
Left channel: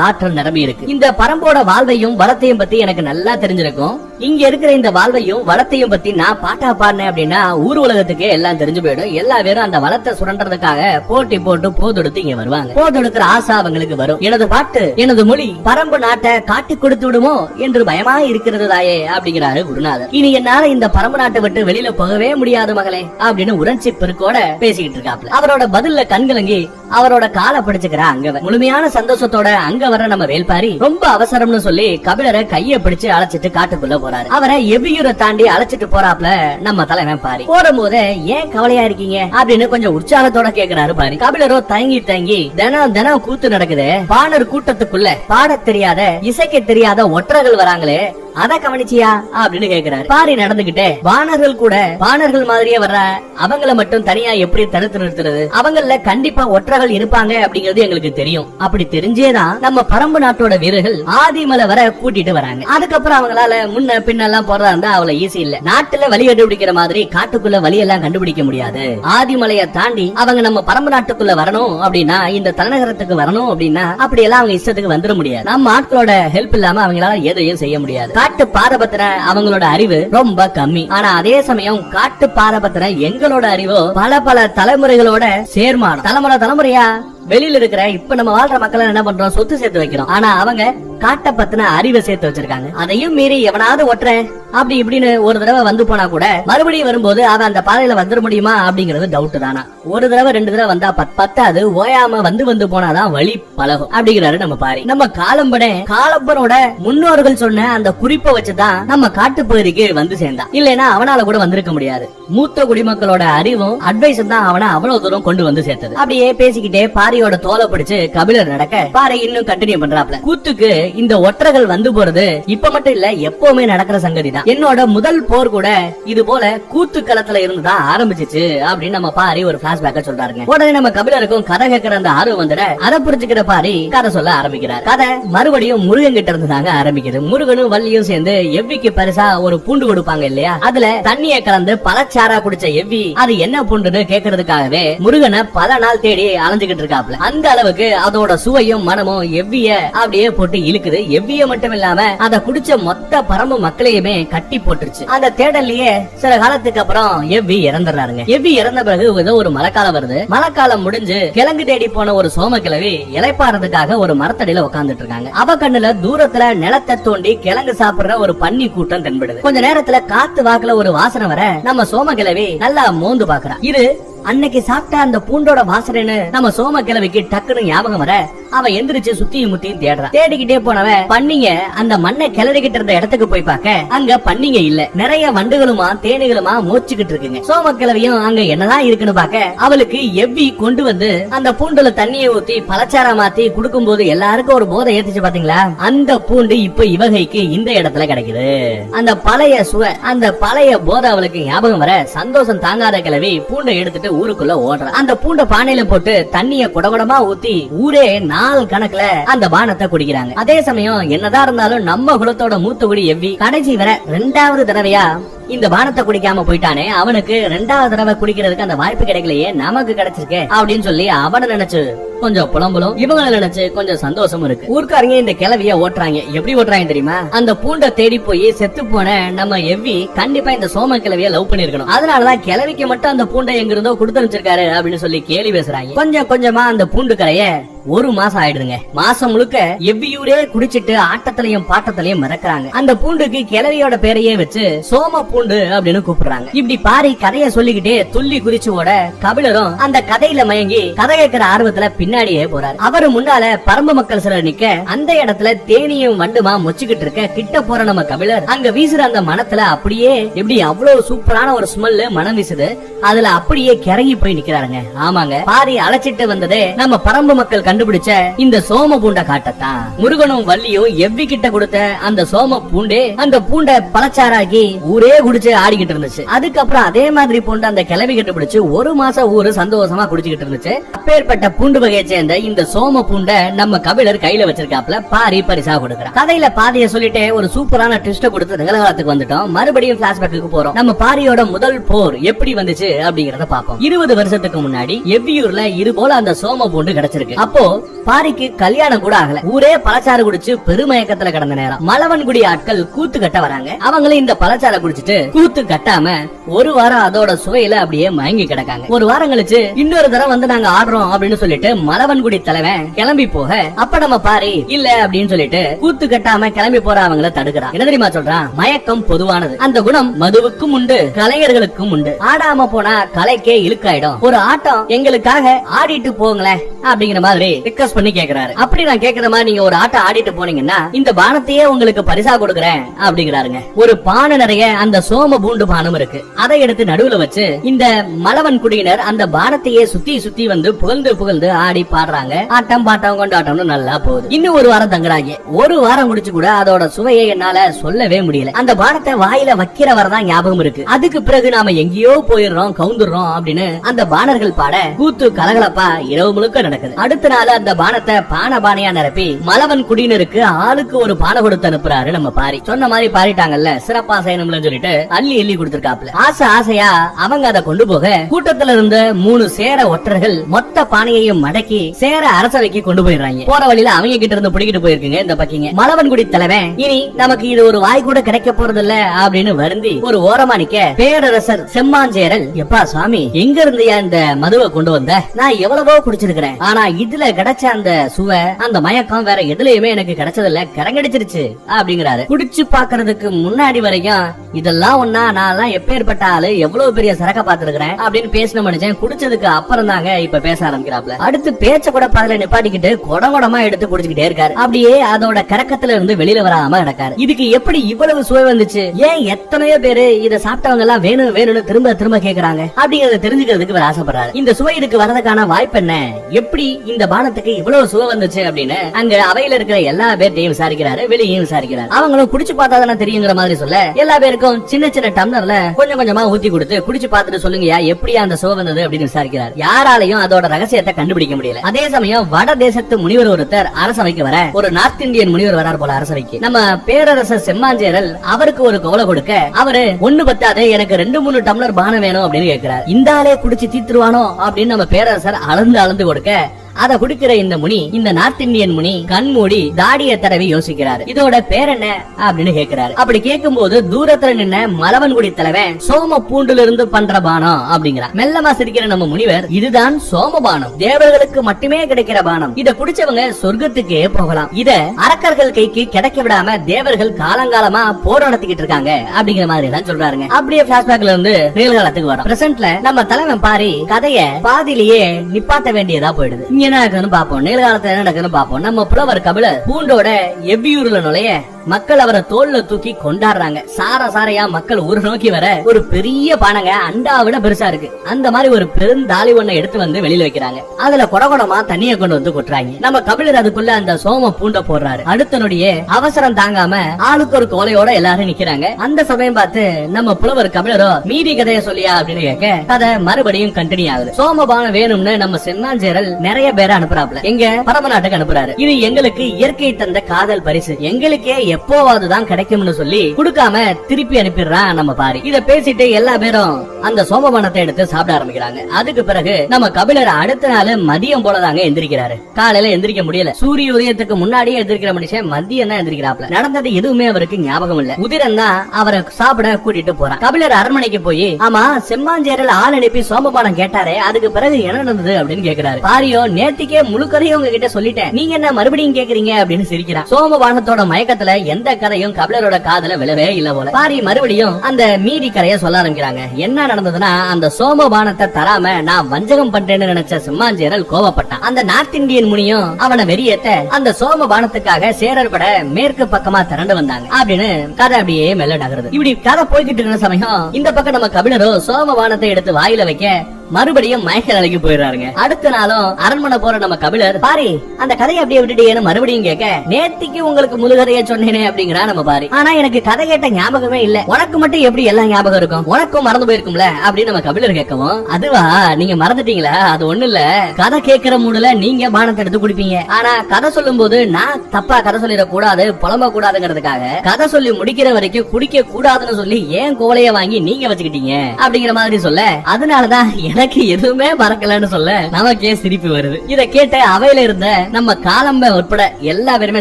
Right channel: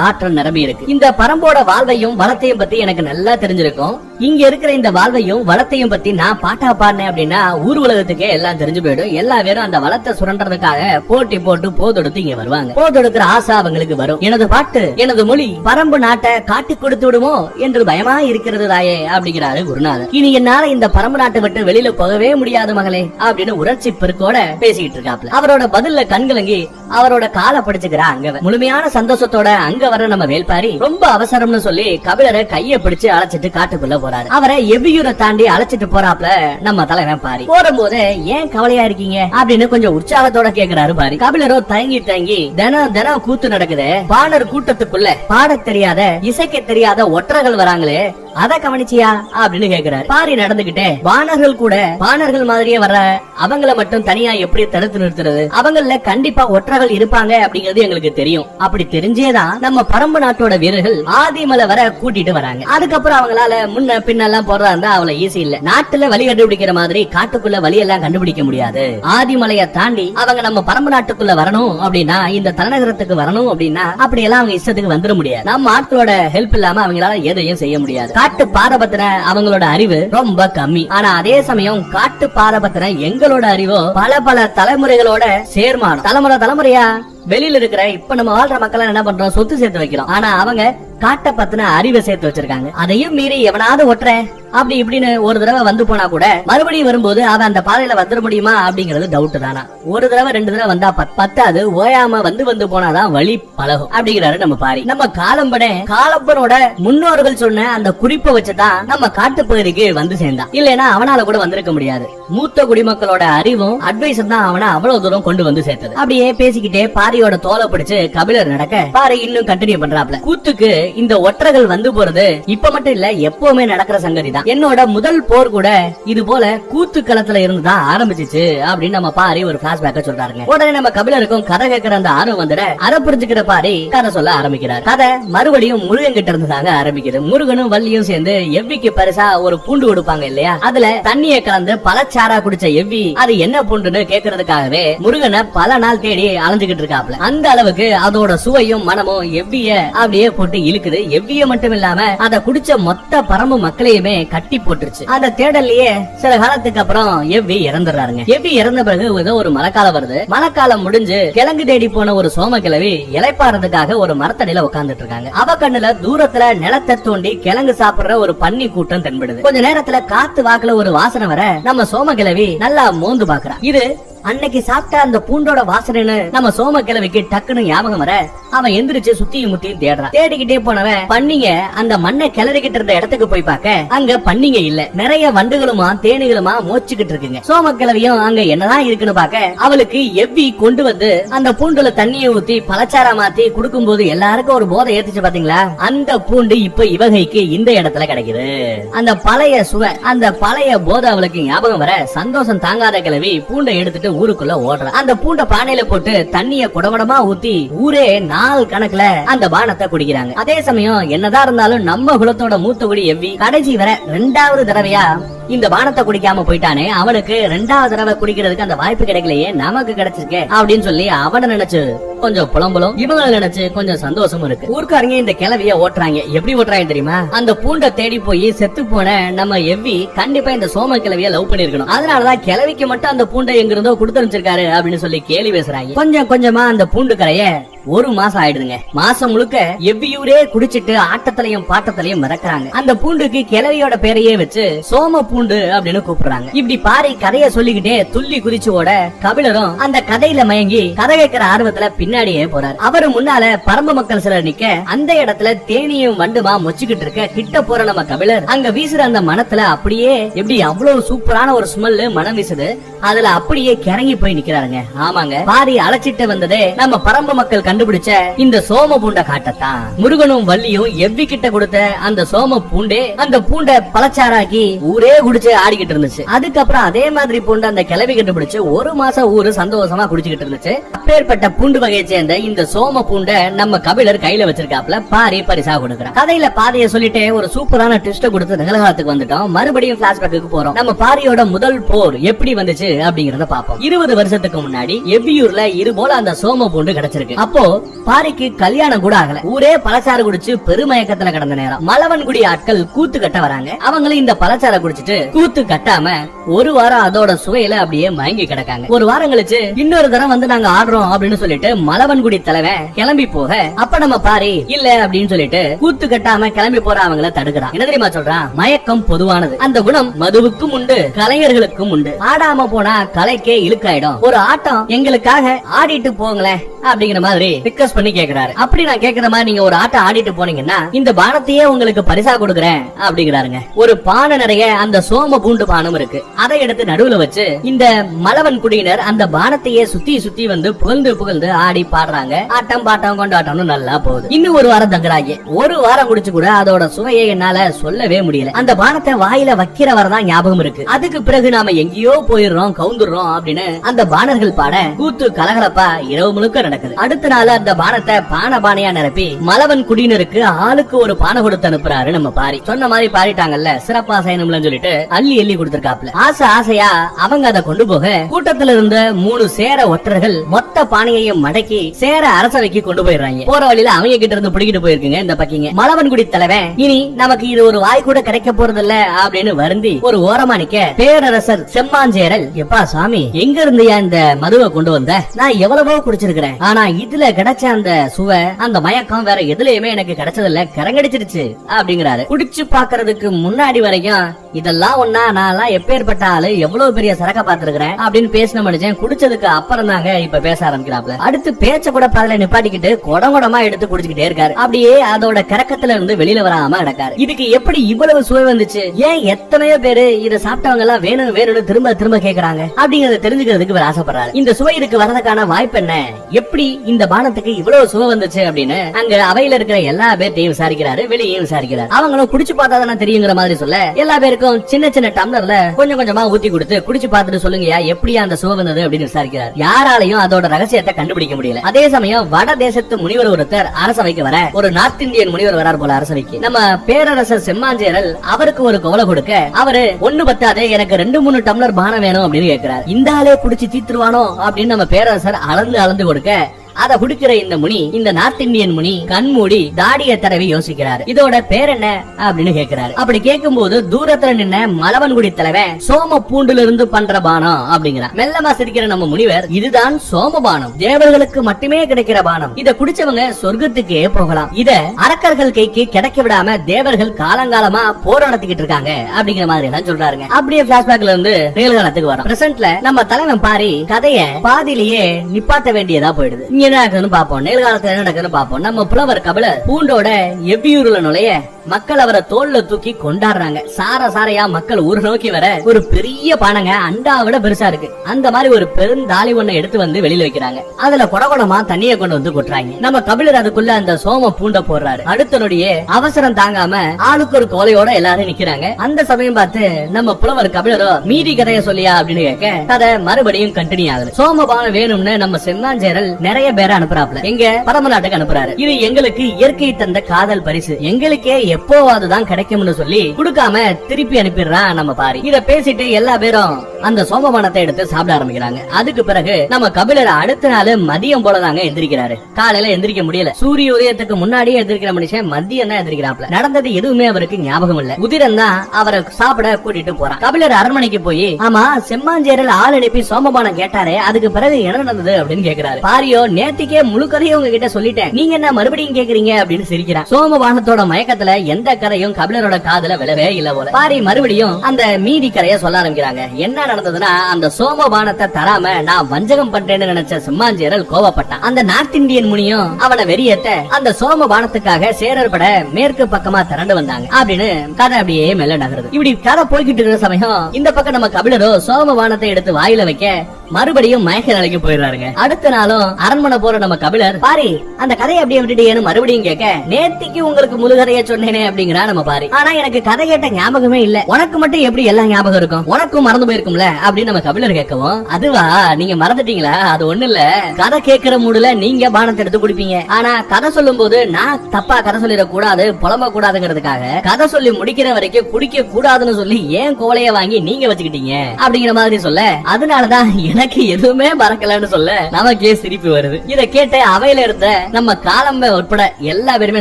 ஆற்றல் நிரம்பி இருக்கு. இந்த பரம்போட வாழ்வையும் வளத்தையும் பத்தி எனக்கு நல்லா தெரிஞ்சிருக்கும். இங்க இருக்கிற இந்த வாழ்வையும் வளத்தையும் பத்தி நான் பாட்டா பாடினேன் அப்படின்னா ஊர் உலகத்துக்கே எல்லாம் தெரிஞ்சு போயிடும். எல்லா பேரும் அந்த வளத்தை சுரண்டதுக்காக போட்டி போட்டு போதெடுத்து இங்க வருவாங்க. போதெடுக்கிற ஆசை அவங்களுக்கு வரும். எனது பாட்டு எனது மொழி பரம்பு நாட்டை காட்டி கொடுத்து விடுமோ என்று பயமா இருக்கிறது தாயே அப்படிங்கிறாரு குருநாதர். இனி என்னால இந்த பரம்பு நாட்டை விட்டு வெளியில போகவே முடியாத மகளே அப்படின்னு உணர்ச்சி பெருக்கோட பேசிக்கிட்டு இருக்காப்ல அவரோட பதில்ல கண்கலங்கி அவரோட காலை பிடிச்சுக்கிறா அங்க முழுமையான சந்தோஷத்தோட அங்க வர நம்ம வேல்பாரி ரொம்ப அவசரம்னு சொல்லி கபிலரை கைய பிடிச்சு அழைச்சிட்டு காட்டுக்குள்ள போறாரு. அவரை எவ்வியூரை தாண்டி அழைச்சிட்டு போறாப்ல நம்ம தலைவன் பாரி. போடும்போது ஏன் கவலையா இருக்கீங்க? அப்படின்னு கொஞ்சம் உற்சாகத்தோட கேக்குறாரு பாரி. கபிலரோ தயங்கி தயங்கி தினம் தினம் கூத்து நடக்குது? பாணர் கூட்டத்துக்குள்ள பாடத் தெரியாத இசைக்க தெரியாத ஒற்றர்கள் வராங்களே? அத கவனிச்சியா? அப்படின்னு கேக்குறாரு. பாரி நடந்துகிட்டே வானர்கள் கூட வானர்கள் மாதிரியே வர்ற அவங்கள மட்டும் தனியா எப்படி தடுத்து நிறுத்துறது? அவங்கள கண்டிப்பா ஒற்றர்கள் இருப்பாங்க அப்படிங்கிறது எங்களுக்கு தெரியும். அப்படி தெரிஞ்சேதான் நம்ம பரம்பு நாட்டோட வீரர்கள் ஆதிமலை வர கூட்டிட்டு வராங்க. அதுக்கப்புறம் அவங்களால முன்ன பின்னெல்லாம் போறதா இருந்தா அவளை ஈஸி இல்ல. நாட்டுல வழி கண்டுபிடிக்கிற மாதிரி காட்டுக்குள்ள வழி எல்லாம் கண்டுபிடிக்க முடியாது. ஆதிமலையை தாண்டி அவங்க நம்ம பரம்பு நாட்டுக்குள்ள வரணும் அப்படின்னா இந்த தலைநகரத்துக்கு வரணும் அப்படின்னா அப்படி எல்லாம் அவங்க இஷ்டத்துக்கு வந்துட முடியாது. நம்ம ஆட்களோட ஹெல்ப் இல்லாம அவங்களால எதையும் செய்ய முடியாது. காட்டு பாரபத்திர அவங்களோட அறிவு ரொம்ப கம்மி. ஆனா அதே சமயம் காட்டு பாரபத்திர எங்களோட அறிவோ பல பல தலைமுறைகளோட சேர்மானம். தலைமுறை தலைமுறையா வெளியில இருக்கிற இப்ப நம்ம வாழ்ற மக்கள் என்ன பண்றோம்? சொத்து சேர்த்து வைக்கிறோம். ஆனா அவங்க காட்ட பத்தின அறிவை சேர்த்து வச்சிருக்காங்க. அதையும் மீறி எவனாவது ஒட்டுறேன் அப்படி இப்படின்னு ஒரு தடவை வந்து போனா கூட மறுபடியும் வரும்போது அவன் அந்த பாதையில வந்துட முடியுமா அப்படிங்கறது டவுட் தானா? ஒரு தடவை ரெண்டு தடவை வந்தா பத்தாது ஓயாம வந்து வந்து போனாதான் வழி பழகும் அப்படிங்கிறாரு நம்ம பாரி. நம்ம காலம்பட காலம்பரோட முன்னோர்கள் சொன்ன அந்த குறிப்பை வச்சுதான் நம்ம காட்டுப்பகுதிக்கு வந்து சேர்ந்தான். இல்லைன்னா அவனால கூட வந்திருக்க முடியாது. மூத்த குடிமக்களோட அறிவும் அட்வைஸும் தான் அவனை அவ்வளவு தூரம் கொண்டு வந்து சேர்த்தது. அப்படியே பேசிக்கிட்டே பாரியோட தோலை பிடிச்சு கபிலர் நடக்க பாரி இன்னும் கண்டினியூ பண்றாப்ல. கூத்துக்கு இந்த ஒற்றர்கள் வந்து போறது இப்ப மட்டும் இல்ல எப்பவுமே நடக்கிற சங்கதி தான் என்னோட முதல் போர் கூட இது போல கூத்து களத்துல இருந்து தான் ஆரம்பிச்சிச்சு அப்படின்னு நம்ம பாரி ஒரு பிளாஷ்பேக்க சொல்றாருங்க. உடனே நம்ம கபிலருக்கும் கதை கேட்கிற அந்த ஆர்வம் வந்துட அதை புரிஞ்சுக்கிற பாரி கதை சொல்ல ஆரம்பிக்கிறார். கதை மறுபடியும் முருகன் கிட்ட இருந்து தாங்க ஆரம்பிக்குது. முருகனும் வள்ளியும் சேர்ந்து எவ்விக்கு பெருசா ஒரு பூண்டு கொடுப்பாங்க இல்லையா? அதுல தண்ணிய கலந்து பழச்சாரா குடிச்ச எவ்வி அது என்ன பூண்டுன்னு கேக்குறதுக்காகவே முருகனை பல நாள் தேடி அலைஞ்சுகிட்டு இருக்காப்ல அந்த அளவுக்கு அதோட சுவையும் மனமும் எவ்விய அப்படியே போட்டு இழுக்க இருக்குது. எவ்விய மட்டும் இல்லாம அத குடிச்ச மொத்த பரம்பு மக்களையுமே கட்டி போட்டுருச்சு. அந்த தேடல்லையே சில காலத்துக்கு அப்புறம் எவ்வி இறந்துடுறாருங்க. எவ்வி இறந்த பிறகு ஏதோ ஒரு மழைக்காலம் வருது. மழைக்காலம் முடிஞ்சு கிழக்கு தேடி போன ஒரு சோம கிழவி இலைப்பாறதுக்காக ஒரு மரத்தடியில உட்கார்ந்துட்டு இருக்காங்க அவ கண்ணுல தூரத்துல நிலத்தை தோண்டி கிழங்கு சாப்பிடுற ஒரு பன்னி கூட்டம் தென்படுது. கொஞ்ச நேரத்துல காத்து வாக்குல ஒரு வாசனை வர நம்ம சோம கிழவி நல்லா மோந்து பாக்குறா. இது அன்னைக்கு சாப்பிட்ட அந்த பூண்டோட வாசனைன்னு நம்ம சோம கிழவிக்கு டக்குன்னு ஞாபகம் வர அவன் எந்திரிச்சு சுத்தியும் முத்தியும் தேடுறான் தேடிக்கிட்டே போனவ பன்னிங்க அந்த மண்ணை கிளறிக்கிட்டு இருந்த இடத்துக்கு போய் பார்க்க அங்க பன்னிங்க இல்ல. நிறைய வண்டுகளுமா தேனிகளுமா மோச்சுக்கிட்டு இருக்குங்க. சோம கிழவியும் அங்க என்னதான் இருக்குன்னு பாக்க அவளுக்கு எவ்வி கொண்டு வந்து அந்த பூண்டுல தண்ணியை ஊத்தி பலச்சார மாத்தி குடுக்கும் போது எல்லாருக்கும் ஒரு போதை ஏத்துச்சு பாத்தீங்களா? அந்த பூண்டு இப்ப இவகைக்கு இந்த இடத்துல கிடைக்குது. அந்த பழைய சுவை அந்த பழைய போதை அவளுக்கு ஞாபகம் வர சந்தோஷம் தாங்காத கிழவி பூண்டை எடுத்துட்டு ஊருக்குள்ள ஓடுறான் அந்த பூண்டை பானையில போட்டு தண்ணிய குடமடமா ஊத்தி ஊரே நாள் கணக்குல அந்த பானத்தை குடிக்கிறாங்க. அதே சமயம் என்னதான் இருந்தாலும் நம்ம குலத்தோட மூத்த குடி எவ்வி கடைசி வர ரெண்டாவது தடவையா இந்த பானத்தை குடிக்காம போயிட்டானே அவளுக்கு ரெண்டாவது தடவை குடிக்கிறதுக்கு அந்த வாய்ப்பு கிடைக்கலையே நமக்கு கிடைச்சிருக்கே அப்படின்னு சொல்லி அவட நினைச்சு கொஞ்சம் புலம்பலும் இவங்களை நினைச்சு கொஞ்சம் சந்தோஷமும் இருக்கு. ஊர்க்காரங்க இந்த கிளவிய ஓட்டுறாங்க. எப்படி ஓட்டுறாங்க தெரியுமா? அந்த பூண்டை தேடி போய் செத்து போன நம்ம எவ்வி கண்டிப்பா இந்த சோம கிளவிய லவ் பண்ணிருக்கணும். அதனாலதான் கிளவிக்கு மட்டும் அந்த பூண்டை எங்க இருந்தோ கொடுத்து அனுப்பிச்சிருக்காரு அப்படின்னு சொல்லி கேலி பேசுறாங்க. கொஞ்சம் கொஞ்சமா அந்த பூண்டு கரைய ஒரு மாசம் ஆயிடுதுங்க. மாசம் முழுக்க எவ்வியூரே குடிச்சிட்டு ஆட்டத்திலையும் பாட்டத்திலையும் மிதக்கிறாங்க. அந்த பூண்டுக்கு கிளவியோட பேரையே வச்சு சோம பூண்டு அப்படின்னு கூப்பிடுறாங்க. இப்படி பாரி கதைய சொல்லிக்கிட்டே துள்ளி குதிச்சு ஓட கபிலரும் அந்த கதையில மயங்கி கதை கேட்கிற ஆர்வத்துல பின்னாடியே போறாரு. அவரு முன்னால பரம்பு மக்கள் சிலர் நிக்க அந்த இடத்துல தேனியும் வண்டுமா மொச்சுக்கிட்டு இருக்க கிட்ட போற நம்ம கபிலர் அங்க வீசுற அந்த மனத்துல அப்படியே எப்படி அவ்வளவு சூப்பரான ஒரு ஸ்மெல்லு மனம் வீசுது. அதுல அப்படியே கிறங்கி போய் நிக்கிறாங்க ஆமாங்க. பாரி அழைச்சிட்டு வந்ததே நம்ம பரம்பு மக்கள் கண்டுபிடிச்ச இந்த சோம பூண்டை காட்டத்தான். முருகனும் வள்ளியும் எவ்வி கிட்ட கொடுத்த அந்த சோம பூண்டே அந்த பூண்டை பழச்சாராக்கி ஊரே குடிச்சு ஆடிக்கிட்டு இருந்துச்சு. அதுக்கப்புறம் அதே மாதிரி பூண்டை அந்த கிளவி கண்டுபிடிச்சு ஒரு மாசம் ஊரு சந்தோஷமா குடிச்சுக்கிட்டு இருந்துச்சு. அப்பேற்பட்ட பூண்டு வகையை சேர்ந்த இந்த சோம பூண்டை நம்ம கபிலர் கையில வச்சிருக்காப்ல பாரி பரிசா கொடுக்குறான். கதையில பாதையை சொல்லிட்டு ஒரு சூப்பரான ட்விஸ்ட் கொடுத்து நிகழ்காலத்துக்கு வந்துட்டோம். மறுபடியும் பிளாஷ்பேக்கு போறோம். நம்ம பாரியோட முதல் போர் எப்படி வந்துச்சு அப்படிங்கறத பாப்போம் இருபது வருஷத்துக்கு முன்னாடி எவ்வியூர்ல இது போல அந்த சோம பூண்டு கிடைச்சிருக்கு. அப்போ பாரிக்கு கல்யாணம் கூட ஆகல. ஊரே பலச்சார குடிச்சு பெருமயக்கத்துல கடந்த நேரம். மலவன்குடி ஆட்கள் கூத்து கட்ட வராங்க. அவங்களும் இந்த பலச்சார குடிச்சிட்டு கூத்து கட்டாம ஒரு வாரம் அதோட சுவையில அப்படியே மயங்கி கிடக்காங்க. ஒரு வாரம் கழிச்சு இன்னொரு தடவை வந்து நாங்க ஆடுறோம் அப்படின்னு சொல்லிட்டு மலவன்குடி தலைவன் கிளம்பி போக அப்ப நம்ம பாரி இல்ல அப்படின்னு சொல்லிட்டு கூத்து கட்டாம கிளம்பி போற அவங்கள தடுக்கிறான். என்ன தெரியுமா சொல்றான்? மயக்கம் பொதுவானது. அந்த குணம் மதுவுக்கும் உண்டு கலைஞர்களுக்கும் உண்டு. ஆடாம போனா கலைக்கே இழுக்காயிடும். ஒரு ஆட்டம் எங்களுக்காக ஆடிட்டு போங்களேன் அப்படிங்கிற மாதிரி ரிக்வஸ்ட் பண்ணி கேக்குறாரு. அப்படி நான் கேக்குற மாதிரி நீங்க ஒரு ஆட்டம் ஆடிட்டு போனீங்கன்னா இந்த பானத்தையே உங்களுக்கு பரிசா கொடுக்குறேன் அப்படிங்கிறாருங்க. ஒரு பானை நிறைய அந்த சோம பூண்டு பானம் இருக்கு. அதை எடுத்து நடுவுல வச்சு இந்த மலவன் குடியினர் அந்த பானத்தையே சுத்தி சுத்தி வந்து புகழ்ந்து புகழ்ந்து ஆடி பாடுறாங்க. ஆட்டம் பாட்டம் கொண்டாட்டம்னு நல்லா போகுது. இன்னும் ஒரு வாரம் தங்கராகி ஒரு வாரம் குடிச்சு கூட அதோட சுவையை என்னால சொல்லவே முடியல. அந்த பானத்தை வாயில வைக்கிற வரதான் ஞாபகம் இருக்கு. அதுக்கு பிறகு நாம எங்கேயோ போயிடுறோம் கவுந்துடுறோம் அப்படின்னு அந்த பானர்கள் பாட கூத்து கலகலப்பா இரவு முழுக்க நடக்குது. அடுத்த நாள் அந்த பானத்தை பானை பானையா நிரப்பி மலவன் குடியினருக்கு ஆளுக்கு ஒரு பானை கொடுத்து அனுப்புறாரு நம்ம பாரி. சொன்ன மாதிரி பாடிட்டாங்கல்ல சிறப்பா செய்யணும்னு சொல்லிட்டு அள்ளி எள்ளி கொடுத்திருக்காப்ல ஆசை ஆசையா அவங்க அதை கொண்டு போக கூட்டத்துல இருந்த மூணு சேர ஒற்றர்கள் மொத்த பானையையும் மடக்கி சேர அரசவைக்கு கொண்டு போயிடுறாங்க. போற வழியில அவங்க கிட்ட இருந்து பிடிக்கிட்டு போயிருக்குங்க இந்த பக்கிங்க. மலவன்குடி தலைவன் இனி நமக்கு இது ஒரு வாய் கூட கிடைக்க போறது இல்ல அப்படின்னு வருந்தி ஒரு ஓரமா நிக்க பேரரசர் செம்மாஞ்சேரல் எப்பா சுவாமி எங்க இருந்தியா இந்த மதுவை கொண்டு வந்த? நான் எவ்வளவோ குடிச்சிருக்கிறேன். ஆனா இதுல கிடைச்ச அந்த சுவை அந்த மயக்கம் வேற எதுலயுமே எனக்கு கிடைச்சது இல்ல கரங்கடிச்சிருச்சு அப்படிங்கிறாரு. குடிச்சு பாக்குறதுக்கு முன்னாடி வரைக்கும் இதெல்லாம் ஒன்னா நான் எல்லாம் எப்பேற்பட்ட ஆளு எவ்வளவு பெரிய சரக்க பாத்துருக்கிறேன் அப்படின்னு பேசின மனுஷன் குடிச்சதுக்கு அப்புறம் தாங்க இப்ப பேச ஆரம்பிக்கிறாப்ல அடுத்து பேச்ச கூட பதில நிப்பாட்டிக்கிட்டு குடம் குடமா எடுத்து குடிச்சுக்கிட்டே இருக்காரு. அப்படியே அதோட கரக்கத்துல இருந்து வெளியில வராம நடக்காரு. இதுக்கு எப்படி இவ்வளவு சுவை வந்துச்சு? ஏன் எத்தனையோ பேரு இதை சாப்பிட்டவங்க எல்லாம் வேணும் வேணும்னு திரும்ப திரும்ப கேக்குறாங்க? அப்படிங்கறத தெரிஞ்சுக்கிறதுக்கு இவர் ஆசைப்படுறாரு. இந்த சுவை இதுக்கு வரதுக்கான வாய்ப்பு என்ன? எப்படி இந்த பானத்துக்கு இவ்வளவு சுவை வந்துச்சு அப்படின்னு அங்க அவையில இருக்கிற எல்லா பேர்த்தையும் விசாரிக்கிறாரு வெளியும் விசாரிக்கிறாரு. அவங்களும் குடிச்சு பார்த்தா தானே தெரியுங்கிற மாதிரி சொல்ல எல்லா பேருக்கும் சின்ன சின்ன டம்ளர்ல கொஞ்சம் கொஞ்சமா ஊத்தி கொடுத்து குடிச்சு பார்த்துட்டு சொல்லுங்கயா எப்படியா அந்த சுவை வந்தது அப்படின்னு விசாரிக்கிறார். யாராலையும் அதோட ரகசியத்தை கண்டுபிடிக்க முடியல. அதே சமயம் வட தேசத்து முனிவர் ஒருத்தர் அரசவைக்கு வர ஒரு நார்த் இந்தியன் முனிவர் வரார் போல அரசவைக்கு. நம்ம பேரரசர் செம்மாஞ்சேரல் அவருக்கு ஒரு கவலை கொடுக்க அவரு ஒண்ணு பத்தாது எனக்கு ரெண்டு மூணு டம்ளர் பானம் வேணும் அப்படின்னு கேட்கிறார். இந்த ஆளே குடிச்சு தீத்துருவானோ அப்படின்னு நம்ம பேரரசர் அளந்து அளந்து கொடுக்க அதை குடிக்கிற இந்த முனி இந்த நார்த் இந்தியன் முனி கண்மூடி தாடிய தடவி யோசிக்கிறாரு. இதோட பேர் என்ன அப்படின்னு கேக்குறாரு. அப்படி கேட்கும் போது தூரத்துல நின்ன மலவன்குடி தலைவன் சோம பூண்டுல இருந்து பண்ற பானம் அப்படிங்கிறார். மெல்லமா சிரிக்கிற நம்ம முனிவர் இதுதான் சோம பானம் தேவர்களுக்கு மட்டுமே கிடைக்கிற பானம். இத குடிச்சவங்க சொர்க்கத்துக்கே போகலாம். இத அரக்கர்கள் கைக்கு கிடைக்க விடாம தேவர்கள் காலங்காலமா போர் நடத்திக்கிட்டு இருக்காங்க அப்படிங்கிற மாதிரி எல்லாம் சொல்றாருங்க. அப்படியே பிளாஷ்பேக்ல இருந்து நிகழ்காலத்துக்கு வரும். பிரசன்ட்ல நம்ம தலைவன் பாரி கதைய பாதியிலேயே நிப்பாட்ட வேண்டியதா போயிடுது. இங்க என்ன நடக்குதுன்னு பாப்போம் நிகழ்காலத்துல என்ன நடக்குதுன்னு பாப்போம் நம்ம புலவர் கபிலர் பூண்டோட எவ்வியூர்ல நுழைய மக்கள் அவரை தோல்ல தூக்கி கொண்டாடுறாங்க. சார சாரையா மக்கள் ஒரு நோக்கி வர ஒரு பெரிய பானைங்க அண்டா விட பெருசா இருக்கு. அந்த மாதிரி ஒரு பெருந்தாளி ஒண்ணு எடுத்து வந்து வெளியில வைக்கிறாங்க. அதுல குடகுடமா தண்ணிய கொண்டு வந்து கொட்டுறாங்க. நம்ம கபிலர் அதுக்குள்ள அந்த சோம பூண்ட போடுறாரு. அடுத்த நொடியே அவசரம் தாங்காம ஆளுக்கு ஒரு கோலையோட எல்லாரும் நிக்கிறாங்க. அந்த சமயம் பார்த்து நம்ம புலவர் கபிலரோ மீதி கதைய சொல்லியா? அப்படின்னு கேட்க கதை மறுபடியும் கண்டினியூ ஆகுது. சோமபானம் வேணும்னு நம்ம செம்மாஞ்சேரல் நிறைய பேரை அனுப்புறாப்ல எங்க? பரமநாட்டுக்கு அனுப்புறாரு. இது எங்களுக்கு இயற்கை தந்த காதல் பரிசு. எங்களுக்கே எப்போவாதுதான் கிடைக்கும்னு சொல்லி கொடுக்காம திருப்பி அனுப்பிடுறான் நம்ம பாரி. இத பேசிட்டு எல்லா பேரும் அந்த சோமபானத்தை எடுத்து சாப்பிட ஆரம்பிக்கிறாங்க. அதுக்கு பிறகு நம்ம கபிலர் அடுத்த நாள் மதியம் போலதாங்க எந்திரிக்கிறாரு. காலையில எந்திரிக்க முடியல. சூரிய உதயத்துக்கு முன்னாடியே எந்திரிக்கிற மனுஷன் மதியம் தான் எந்திரிக்கிறாப்ல நடந்தது எதுவுமே அவருக்கு ஞாபகம் இல்ல. உதிரன் தான் அவரை சாப்பிட கூட்டிட்டு போறான். கபிலர் அரண்மனைக்கு போய் ஆமா செம்மாஞ்சேரில் ஆள் அனுப்பி சோமபானம் கேட்டாரே அதுக்கு பிறகு என்ன நடந்தது? அப்படின்னு கேக்குறாரு. பாரியோ நேத்திக்கே முழுக்கதையும் உங்ககிட்ட சொல்லிட்டேன். நீங்க என்ன மறுபடியும் கேக்குறீங்க? அப்படின்னு சிரிக்கிறான். சோமபானத்தோட மயக்கத்துல எந்த கதையும் கபிலரோட காதுல விழவே இல்ல போல. பாரி மறுபடியும் அந்த மீதி கதையை சொல்ல ஆரம்பிக்கிறாங்க. என்ன நடந்ததுன்னா அந்த சோமபானத்தை தராம நான் வஞ்சகம் பண்றேன்னு நினைச்ச சிம்மாஞ்சேரல் கோவப்பட்டான். அந்த நார்த் இந்தியன் முனியும் அவனை வெறியேத்த அந்த சோமபானத்துக்காக சேரர் பட மேற்கு பக்கமா திரண்டு வந்தாங்க. அப்படின்னு கதை அப்படியே மெல்ல நகருது. இப்படி கதை போய்கிட்டு இருக்கிற சமயம் இந்த பக்கம் நம்ம கபிலரோ சோமபானத்தை எடுத்து வாயில வைக்க மறுபடியும் மயக்க நிலைக்கு போயிடுறாருங்க. அடுத்த நாளும் அரண்மனை போற நம்ம கபிலர் பாரி அந்த கதையை அப்படியே விட்டுட்டேன்னு மறுபடியும் கேட்க நேத்திக்கு உங்களுக்கு முழுகதைய சொன்னேனே அப்படிங்கிறா நம்ம பாரி. ஆனா எனக்கு கதை கேட்ட ஞாபகமே இல்ல. உனக்கு மட்டும் எப்படி எல்லாம் ஞாபகம் இருக்கும்? உனக்கும் மறந்து போயிருக்கும்ல? அப்படின்னு நம்ம கபிலர் கேட்கவும் அதுவா நீங்க மறந்துட்டீங்களா? அது ஒண்ணு இல்ல. கதை கேட்கிற மூடுல நீங்க பானத்தை எடுத்து குடிப்பீங்க. ஆனா கதை சொல்லும் போது நான் தப்பா கதை சொல்லிட கூடாது புலம்ப கூடாதுங்கிறதுக்காக கதை சொல்லி முடிக்கிற வரைக்கும் குடிக்க கூடாதுன்னு சொல்லி ஏன் கோலைய வாங்கி நீங்க வச்சுக்கிட்டீங்க? அப்படிங்கிற மாதிரி சொல்ல அதனாலதான் எனக்கு எதுவுமே மறக்கலன்னு சொல்ல நமக்கே சிரிப்பு வருது. இத கேட்டு அவையில இருந்த நம்ம காலம்ப உட்பட எல்லா பேருமே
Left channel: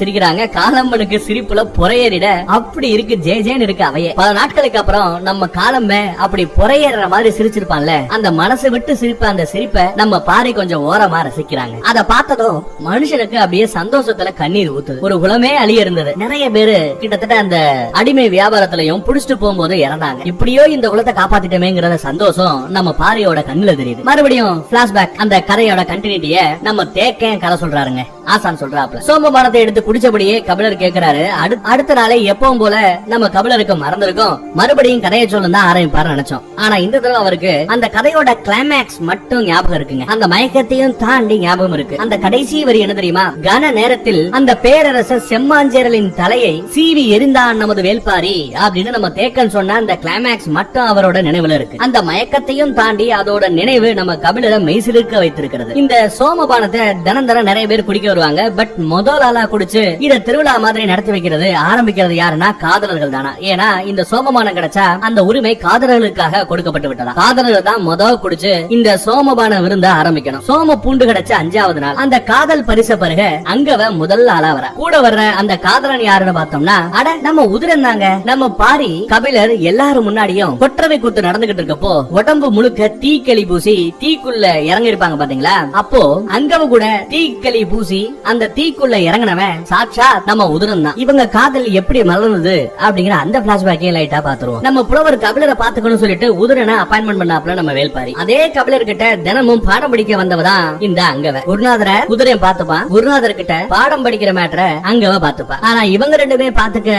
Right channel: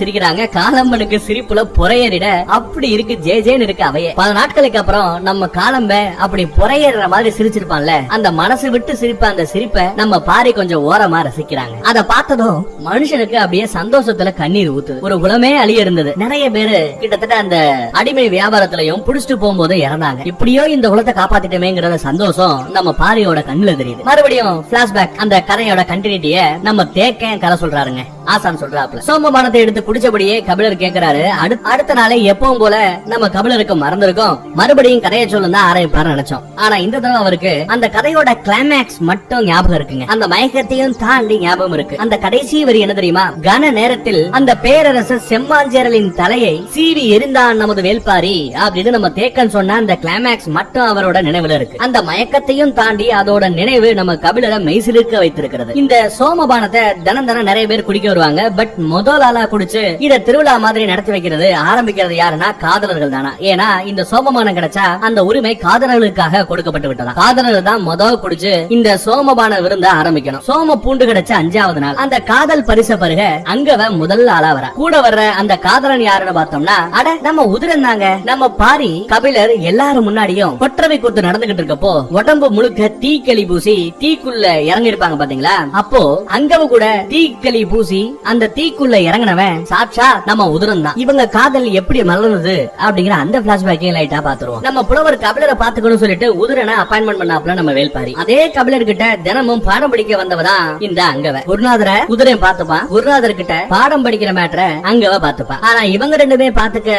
சிரிக்கிறாங்க. காலம்பனுக்கு சிரிப்புல புறையேறிட அப்படி இருக்கு ஜே ஜேன்னு இருக்கு அவைய. பல நாட்களுக்கு அப்புறம் நம்ம காலம்ப அப்படி புறையேற மாதிரி சிரிச்சிருப்பான்ல. அந்த மனசு விட்டு சிரிப்ப அந்த சிரிப்பை நம்ம பாரி கொஞ்சம் ஓரமா ரசிக்கிறாங்க. அத பார்த்ததும் மனுஷனுக்கு அப்படியே சந்தோஷத்துல கண்ணீர் ஊத்துது ஒரு குலமே அழிய இருந்தது. நிறைய பேரு கிட்டத்தட்ட அந்த அடிமை வியாபாரத்திலையும் புடிச்சிட்டு போகும்போது இறந்தாங்க. இப்படியோ இந்த குலத்தை காப்பாத்திட்டமேங்கிற சந்தோஷம் நம்ம பாரியோட கண்ணுல தெரியுது. மறுபடியும் பிளாஷ்பேக் அந்த கதையோட கண்டினியூட்டிய நம்ம தேக்கேன் கதை சொல்றாருங்க. ஆசான் சொல்றாப்ல சோமபானத்தை எடுத்து குடிச்சபடியே கபிலர் கேக்குறாரு. அடு- அடுத்த நாளே எப்பவும் போல நம்ம கபிலருக்கு மறந்திருக்கும். மறுபடியும் கதையை சொல்லும் தான் ஆரம்பிப்பாரு நினைச்சோம். ஆனா இந்த தடவை அவருக்கு அந்த கதையோட கிளைமேக்ஸ் மட்டும் ஞாபகம் இருக்குங்க. அந்த மயக்கத்தையும் தாண்டி ஞாபகம் இருக்கு. அந்த கடைசி வரி என்ன தெரியுமா? கன நேரத்தில் அந்த பேரரசர் செம்மாஞ்சேரலின் தலையை சீவி எரிந்தான் நமது வேல்பாரி அப்படின்னு நம்ம தேக்கன் சொன்ன அந்த கிளைமேக்ஸ் மட்டும் அவரோட நினைவுல இருக்கு. அந்த மயக்கத்தையும் தாண்டி அதோட அவரோட நினைவு நம்ம கபிலரை மெய்சிலிருக்க வைத்திருக்கிறது. இந்த சோமபானத்தை தினம் தினம் நிறைய பேர் குடிக்க வருவாங்க. பட் முதல் ஆளா குடிச்சு இத திருவிழா மாதிரி நடத்தி வைக்கிறது ஆரம்பிக்கிறது யாருன்னா காதலர்கள் தானா? ஏன்னா இந்த சோமபானம் கிடைச்சா அந்த உரிமை காதலர்களுக்காக கொடுக்கப்பட்டு விட்டதா? காதலர்கள் தான் முதல் குடிச்சு இந்த சோமபான விருந்த ஆரம்பிக்கணும். சோம பூண்டு கிடைச்ச அஞ்சாவது நாள் அந்த காதல் பரிச பருக அங்கவ முதல் ஆளா வர. கூட வர்ற அந்த காதலன் யாருன்னு பார்த்தோம்னா அட நம்ம உதிரம் தாங்க. நம்ம பாரி கபிலர் எல்லாரும் முன்னாடியும் கொற்றவை கூத்து நடந்துகிட்டு இருக்கப்போ உடம்பு முழுக்க தீக்கல் தீக்களி பூசி தீக்குள்ள இறங்கி இருப்பாங்க பாத்தீங்களா? அப்போ அங்கவ கூட தீக்களி பூசி அந்த தீக்குள்ள இறங்கினவன் சாட்சா நம்ம உதிரம் தான். இவங்க காதல் எப்படி மலர்ந்தது அப்படிங்கிற அந்த பிளாஷ்பேக்கையும் லைட்டா பாத்துருவோம் நம்ம புலவர் கபிலரை பாத்துக்கணும் சொல்லிட்டு உதிரனை அப்பாயின்மெண்ட் பண்ணாப்ல நம்ம வேல்பாரி. அதே கபிலர் கிட்ட தினமும் பாடம் படிக்க வந்தவதான் இந்த அங்கவ. குருநாதர குதிரையும் பாத்துப்பா குருநாதர் கிட்ட பாடம் படிக்கிற மேட்டர அங்கவ பாத்துப்பா ஆனா இவங்க ரெண்டுமே பாத்துக்க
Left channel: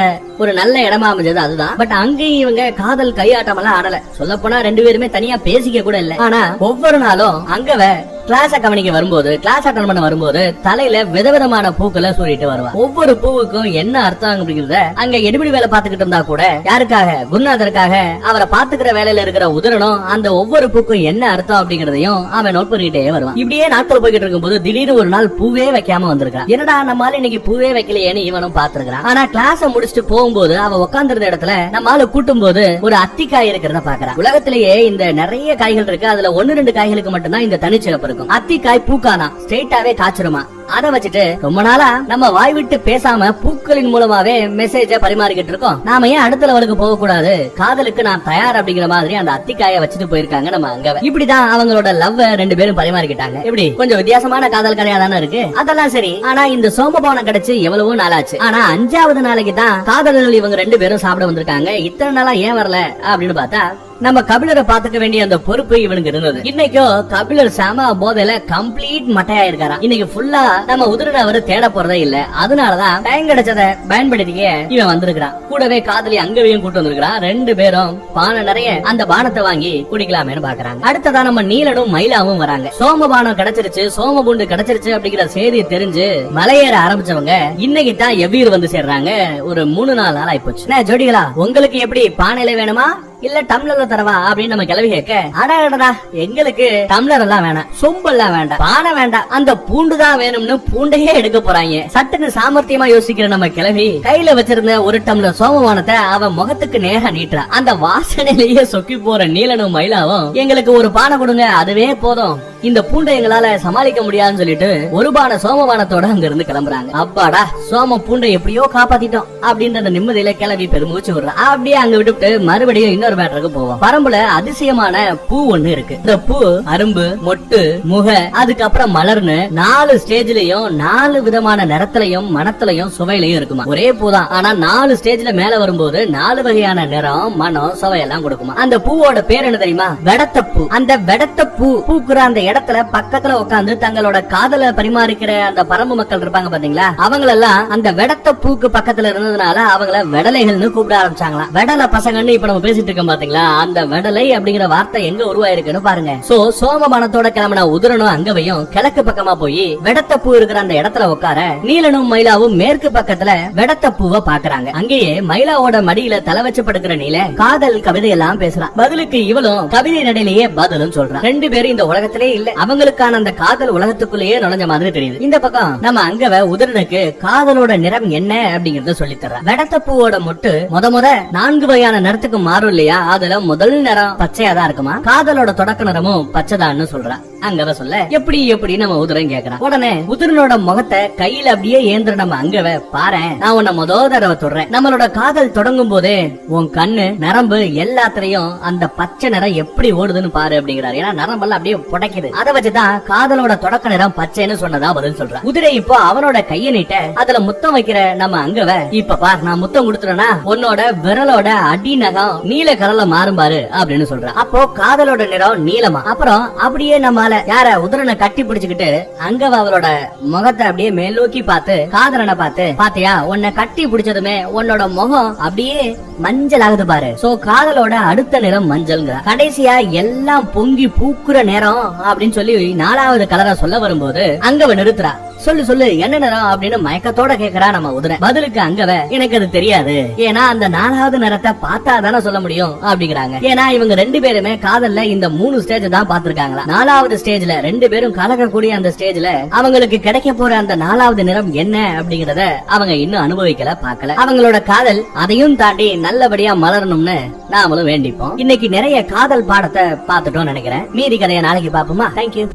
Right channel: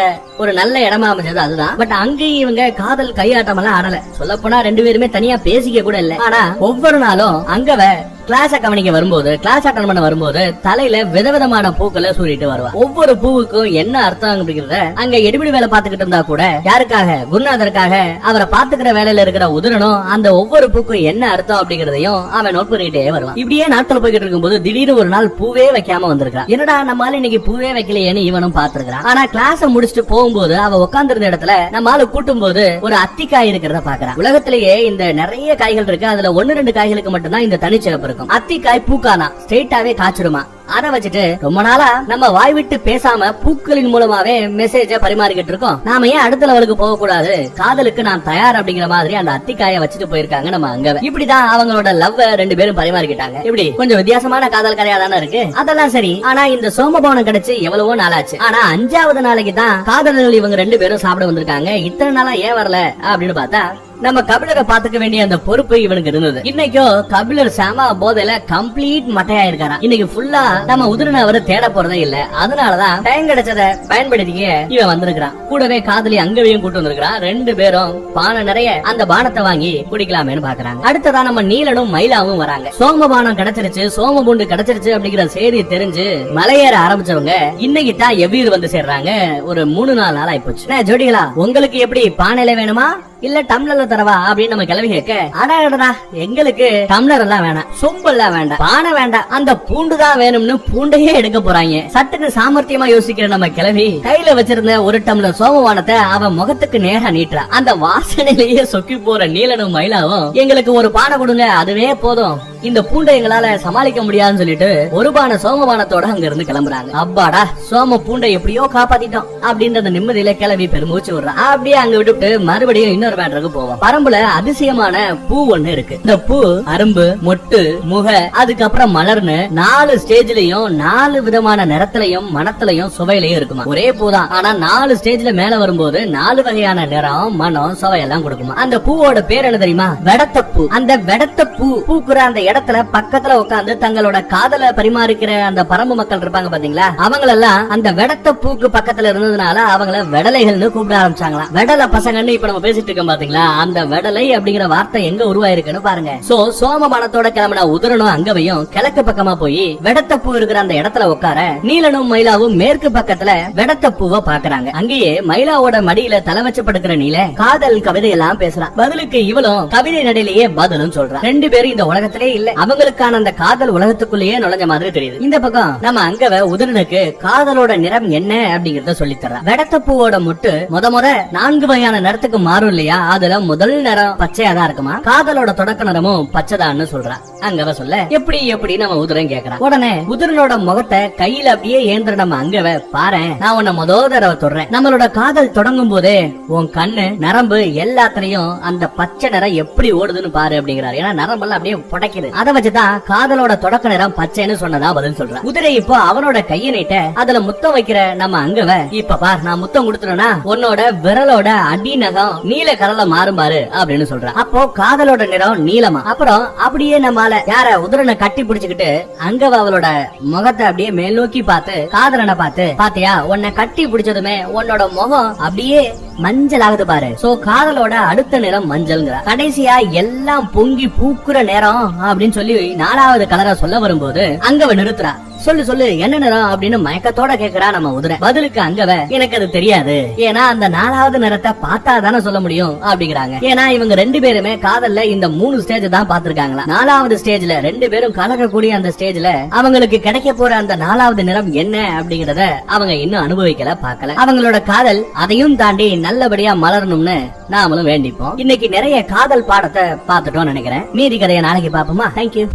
ஒரு நல்ல இடமா அமைஞ்சது அதுதான். பட் அங்கேயும் இவங்க காதல் கையாட்டம் எல்லாம் ஆடல. சொல்ல போனா ரெண்டு பேருமே தனியா பேசிக்க கூட இல்ல. ஆனா ஒவ்வொரு நாளும் அங்கவ கிளாஸ கவனிக்க வரும்போது கிளாஸ் அட்டன் பண்ண வரும்போது தலையில விதவிதமான பூக்களை சூடிட்டு வருவா ஒவ்வொரு பூவுக்கும் என்ன அர்த்தம் அப்படிங்கறத அங்க எடுபடி வேலை பாத்துக்கிட்டு இருந்தா கூட யாருக்காக? குருநாதருக்காக. அவரை பாத்துக்கிற வேலையில இருக்கிற உதிரனும் அந்த ஒவ்வொரு பூக்கும் என்ன அர்த்தம் அப்படிங்கறதையும் அவன் நோட் பண்ணிட்டே வருவான். இப்படியே நாட்கள் போய்கிட்டு இருக்கும்போது திடீர்னு ஒரு நாள் பூவே வைக்காம வந்திருக்கான் என்னடா நம்மால இன்னைக்கு பூவே வைக்கலையேன்னு இவனும் பாத்துருக்கான் ஆனா கிளாஸ் முடிச்சுட்டு போகும்போது அவ உட்காந்துருந்த இடத்துல நம்மால கூட்டும் போது ஒரு அத்திக்காய் இருக்கிறத பாக்குறான் உலகத்திலேயே இந்த நிறைய காய்கள் இருக்கு. அதுல ஒன்னு ரெண்டு காய்களுக்கு மட்டும்தான் இந்த தனிச்சிறப்பு இருக்கும். அத்திக்காய் பூக்கானா? ஸ்ட்ரெயிட்டாவே காய்ச்சிடுமா? அத வச்சுட்டு ரொம்ப நாளா நம்ம வாய் விட்டு பேசாம பூக்களின் மூலமாவே மெசேஜ பரிமாறிக்கிட்டு இருக்கோம். நாம ஏன் அடுத்த லெவலுக்கு போக கூடாது காதலுக்கு நான் தயார் அப்படிங்கிற மாதிரி அந்த அத்திக்காய வச்சுட்டு போயிருக்காங்க நம்ம அங்க இப்படிதான் அவங்களோட லவ் ரெண்டு பேரும் பரிமாறிக்கிட்டாங்க. இப்படி கொஞ்சம் வித்தியாசமான காதல் கதையா தானே இருக்கு. அதெல்லாம் சரி. ஆனா இந்த சோமபவனம் கிடைச்சு எவ்வளவோ நாளாச்சு. ஆனா அஞ்சாவது நாளைக்கு தான் காதலர்கள் இவங்க ரெண்டு பேரும் சாப்பிட வந்திருக்காங்க. இத்தனை நாளா ஏன் வரல அப்படின்னு பார்த்தா நம்ம கபிலரை பாத்துக்க வேண்டிய அந்த பொறுப்பு இவனுக்கு இருந்தது. இன்னைக்கும் கபிலர் சாம போதையில கம்ப்ளீட் மட்டையா இருக்காராம் இன்னைக்கு ஃபுல்லா நம்ம உதிரனை அவரு தேட போறதே இல்ல. அதனாலதான் டைம் கிடைச்சத பயன்படுத்திக்க இவன் வந்திருக்கிறான். கூடவே காதலி அங்கவையும் கூட்டு வந்திருக்கிறான் ரெண்டு பேரும் பானை நிறைய அந்த பானத்தை வாங்கி குடிக்கலாமேன்னு பாக்குறாங்க. அடுத்ததா நம்ம நீலனும் மயிலாவும் வராங்க. சோமபானம் கிடைச்சிருச்சு சோமபுண்டு கிடைச்சிருச்சு அப்படிங்கிற செய்தி தெரிஞ்சு மலையேற ஆரம்பிச்சவங்க இன்னைக்கு தான் எவ்வீர் வந்து சேர்றாங்க. ஒரு மூணு நாலு நாள் ஆயிப்போச்சு. ஜோடிகளா உங்களுக்கு எப்படி பானையில வேணுமா? இல்ல டம்ளர்ல தரவா அப்படின்னு நம்ம கிளவி கேட்க அடடா எங்களுக்கு டம்ளர் எல்லாம் வேணாம் சொம்பு எல்லாம் வேண்டாம் பானை வேண்டாம் அந்த பூண்டு தான் வேணும்னு பூண்டையே எடுக்க போறாங்க. சட்டுக்கு சாமர்த்தியமா யோசிக்கிற நம்ம கிளவி கையில வச்சிருந்த ஒரு டம்ளர் சோமவானத்தை அவன் முகத்துக்கு நேரா நீட்டுறான் அந்த வாசனையிலேயே சொக்கி போற நீலனும் மயிலாவும் எங்களுக்கு ஒரு பானை கொடுங்க அதுவே போதும். இந்த பூண்டை எங்களால சமாளிக்க முடியாதுன்னு சொல்லிட்டு ஒரு பான சோமபானத்தோட அங்க இருந்து கிளம்புறாங்க. அப்பாடா சோம பூண்டை எப்படியோ காப்பாத்திட்டோம் அப்படின்ற அந்த நிம்மதியில கிளவி பெருமூச்சு விடுறான் அப்படியே அங்க விட்டுட்டு மறுபடியும் இன்னொரு மேட்டருக்கு போவோம் பரம்புல அதிசயமான பூ ஒண்ணு இருக்கு. இந்த பூ அரும்பு மொட்டு முக அதுக்கப்புறம் மலர்னு நாலு ஸ்டேஜ்லயும் நாலு விதமான நிறத்திலையும் மனத்திலையும் சுவையிலையும் இருக்குமா? ஒரே பூ தான் ஆனா நாலு ஸ்டேஜ்ல மேல வரும்போது நாலு வகையான நிறம் மனம் சுவையெல்லாம் கொடுக்குமா? அந்த பூவோட பேர் என்ன தெரியுமா? வெடத்த பூ அந்த வெடத்த பூ பூக்குற அந்த இடத்துல பக்கத்துல உட்காந்து தங்களோட காதல பரிமாறிக்கிற அந்த பரம்பு மக்கள் இருப்பாங்க பாத்தீங்களா? அவங்க எல்லாம் அந்த வெடத்த பூக்கு பக்கத்துல இருந்ததுனால அவங்கள வெடலைகள்னு கூப்பிட ஆரம்பிச்சாங்களாம். வெடல பசங்கன்னு இப்ப நம்ம பேசிட்டு இருக்கோம் பாத்தீங்களா? அந்த வெடலை அப்படிங்கிற வார்த்தை எங்க உருவாயிருக்குன்னு பாருங்க. சோ சோமபானத்தோட கிளம்பின உதிரனும் அங்கவையும் கிழக்கு பக்கமா போய் வெடத்த பூ இருக்கிற அந்த இடத்துல உட்கார நீலனும் மயிலாவும் மேற்கு பக்கத்துல வெடத்த பூவை பாக்குறாங்க. அங்கேயே மயிலாவோட மடியில தலை வச்சு படுக்கிற நீல காதல் கவிதை எல்லாம் பேசுறான் பதிலுக்கு இவளும் கவிதை நடையிலேயே பதிலும் சொல்றான் ரெண்டு பேரும் இந்த உலகத்திலேயே இல்ல. அவங்களுக்கான அந்த காதல் உலகத்துக்குள்ளேயே நுழைஞ்ச மாதிரி தெரியுது. இந்த பக்கம். நம்ம அங்கவ உதிரனுக்கு காதலோட நிறம் என்ன அப்படிங்கறத சொல்லி தர்றான் வெடத்த பூவோட மொட்டு முத முத நான்கு வகையான நிறத்துக்கு மாறும் இல்லையா? அதுல முதல் நிறம் பச்சையா தான் இருக்குமா? காதலோட தொடக்க நிறமும் பச்சைதான்னு சொல்றான் அங்கவ சொல்ல எப்படி எப்படி நம்ம உதிரன் கேக்குறான். உடனே உதிரனோட முகத்தை கையில அப்படியே ஏந்திர நம்ம அங்கவ பாரு நான் உன்னை முத தடவை தொடுறேன். நம்மளோட காதல் தொடங்கும் போதே உன் கண்ணு நரம்பு எல்லாத்துலயும் அந்த பச்சை நிறம் எப்படி ஓடுதுன்னு பாரு அப்படிங்கிறாரு. ஏன்னா நரம்பெல்லாம் அப்படியே புடைக்குது அதை வச்சுதான் காதலோட தொடக்க நிறம் பச்சைன்னு சொன்னதா பதில் சொல்றான் குதிரை இப்போ அவனோட கையை நீட்ட அதுல முத்தம் வைக்கிற நம்ம அங்கவ இப்ப பார் நான் முத்தம் கொடுத்துறேன்னா உன்னோட விரலோட அடி நகம் நீல கலர்ல மாறும் பாரு அப்படின்னு சொல்றான் அப்போ காதலோட நிறம் நீலமா. அப்புறம் அப்படியே நம்மால யார உதிரனை கட்டி பிடிச்சுக்கிட்டு அங்கவ அவளோட முகத்தை அப்படியே மேல் நோக்கி பார்த்து காதலனை பார்த்து பாத்தியா உன்னை கட்டி பிடிச்சதுமே உன்னோட முகம் அப்படியே மஞ்சள் ஆகுது பாரு. சோ காதலோட அடுத்த நிறம் மஞ்சள்ங்கிற. கடைசியா எல்லாம் பொங்கி பூக்குற நேரம் அப்படின்னு சொல்லி நாலாவது கலரா சொல்ல வரும்போது அங்கவ நிறுத்துறா. சொல்லு சொல்லு என்ன நிறம் அப்படின்னு மயக்கத்தோட கேக்குறா நம்ம உதிரை. பதிலுக்கு அங்கவ எனக்கு அது தெரியாது. ஏன்னா அந்த நாலாவது நிறத்தை பார்த்தா தானே சொல்ல முடியும் அப்படிங்கிறாங்க. ஏன்னா இவங்க ரெண்டு பேருமே காதல்ல இந்த மூணு ஸ்டேஜ் தான் பாத்திருக்காங்களா நாலாவது ஸ்டேஜ்ல ரெண்டு பேரும் கலக்கக்கூடிய அந்த ஸ்டேஜ்ல அவங்களுக்கு கிடைக்க போற அந்த நாலாவது நிறம் என்ன அப்படிங்கறத அவங்க இன்னும் அனுபவிக்கல பாக்கல அவங்களோட காதல் அதையும் தாண்டி நல்லபடியா மலரணும்னு நாமளும் வேண்டிப்போம். இன்னைக்கு நிறைய காதல் பாடத்தை பார்த்துட்டோம் நினைக்கிறேன். மீதி கதையை நாளைக்கு பாப்போமா தேங்க்யூ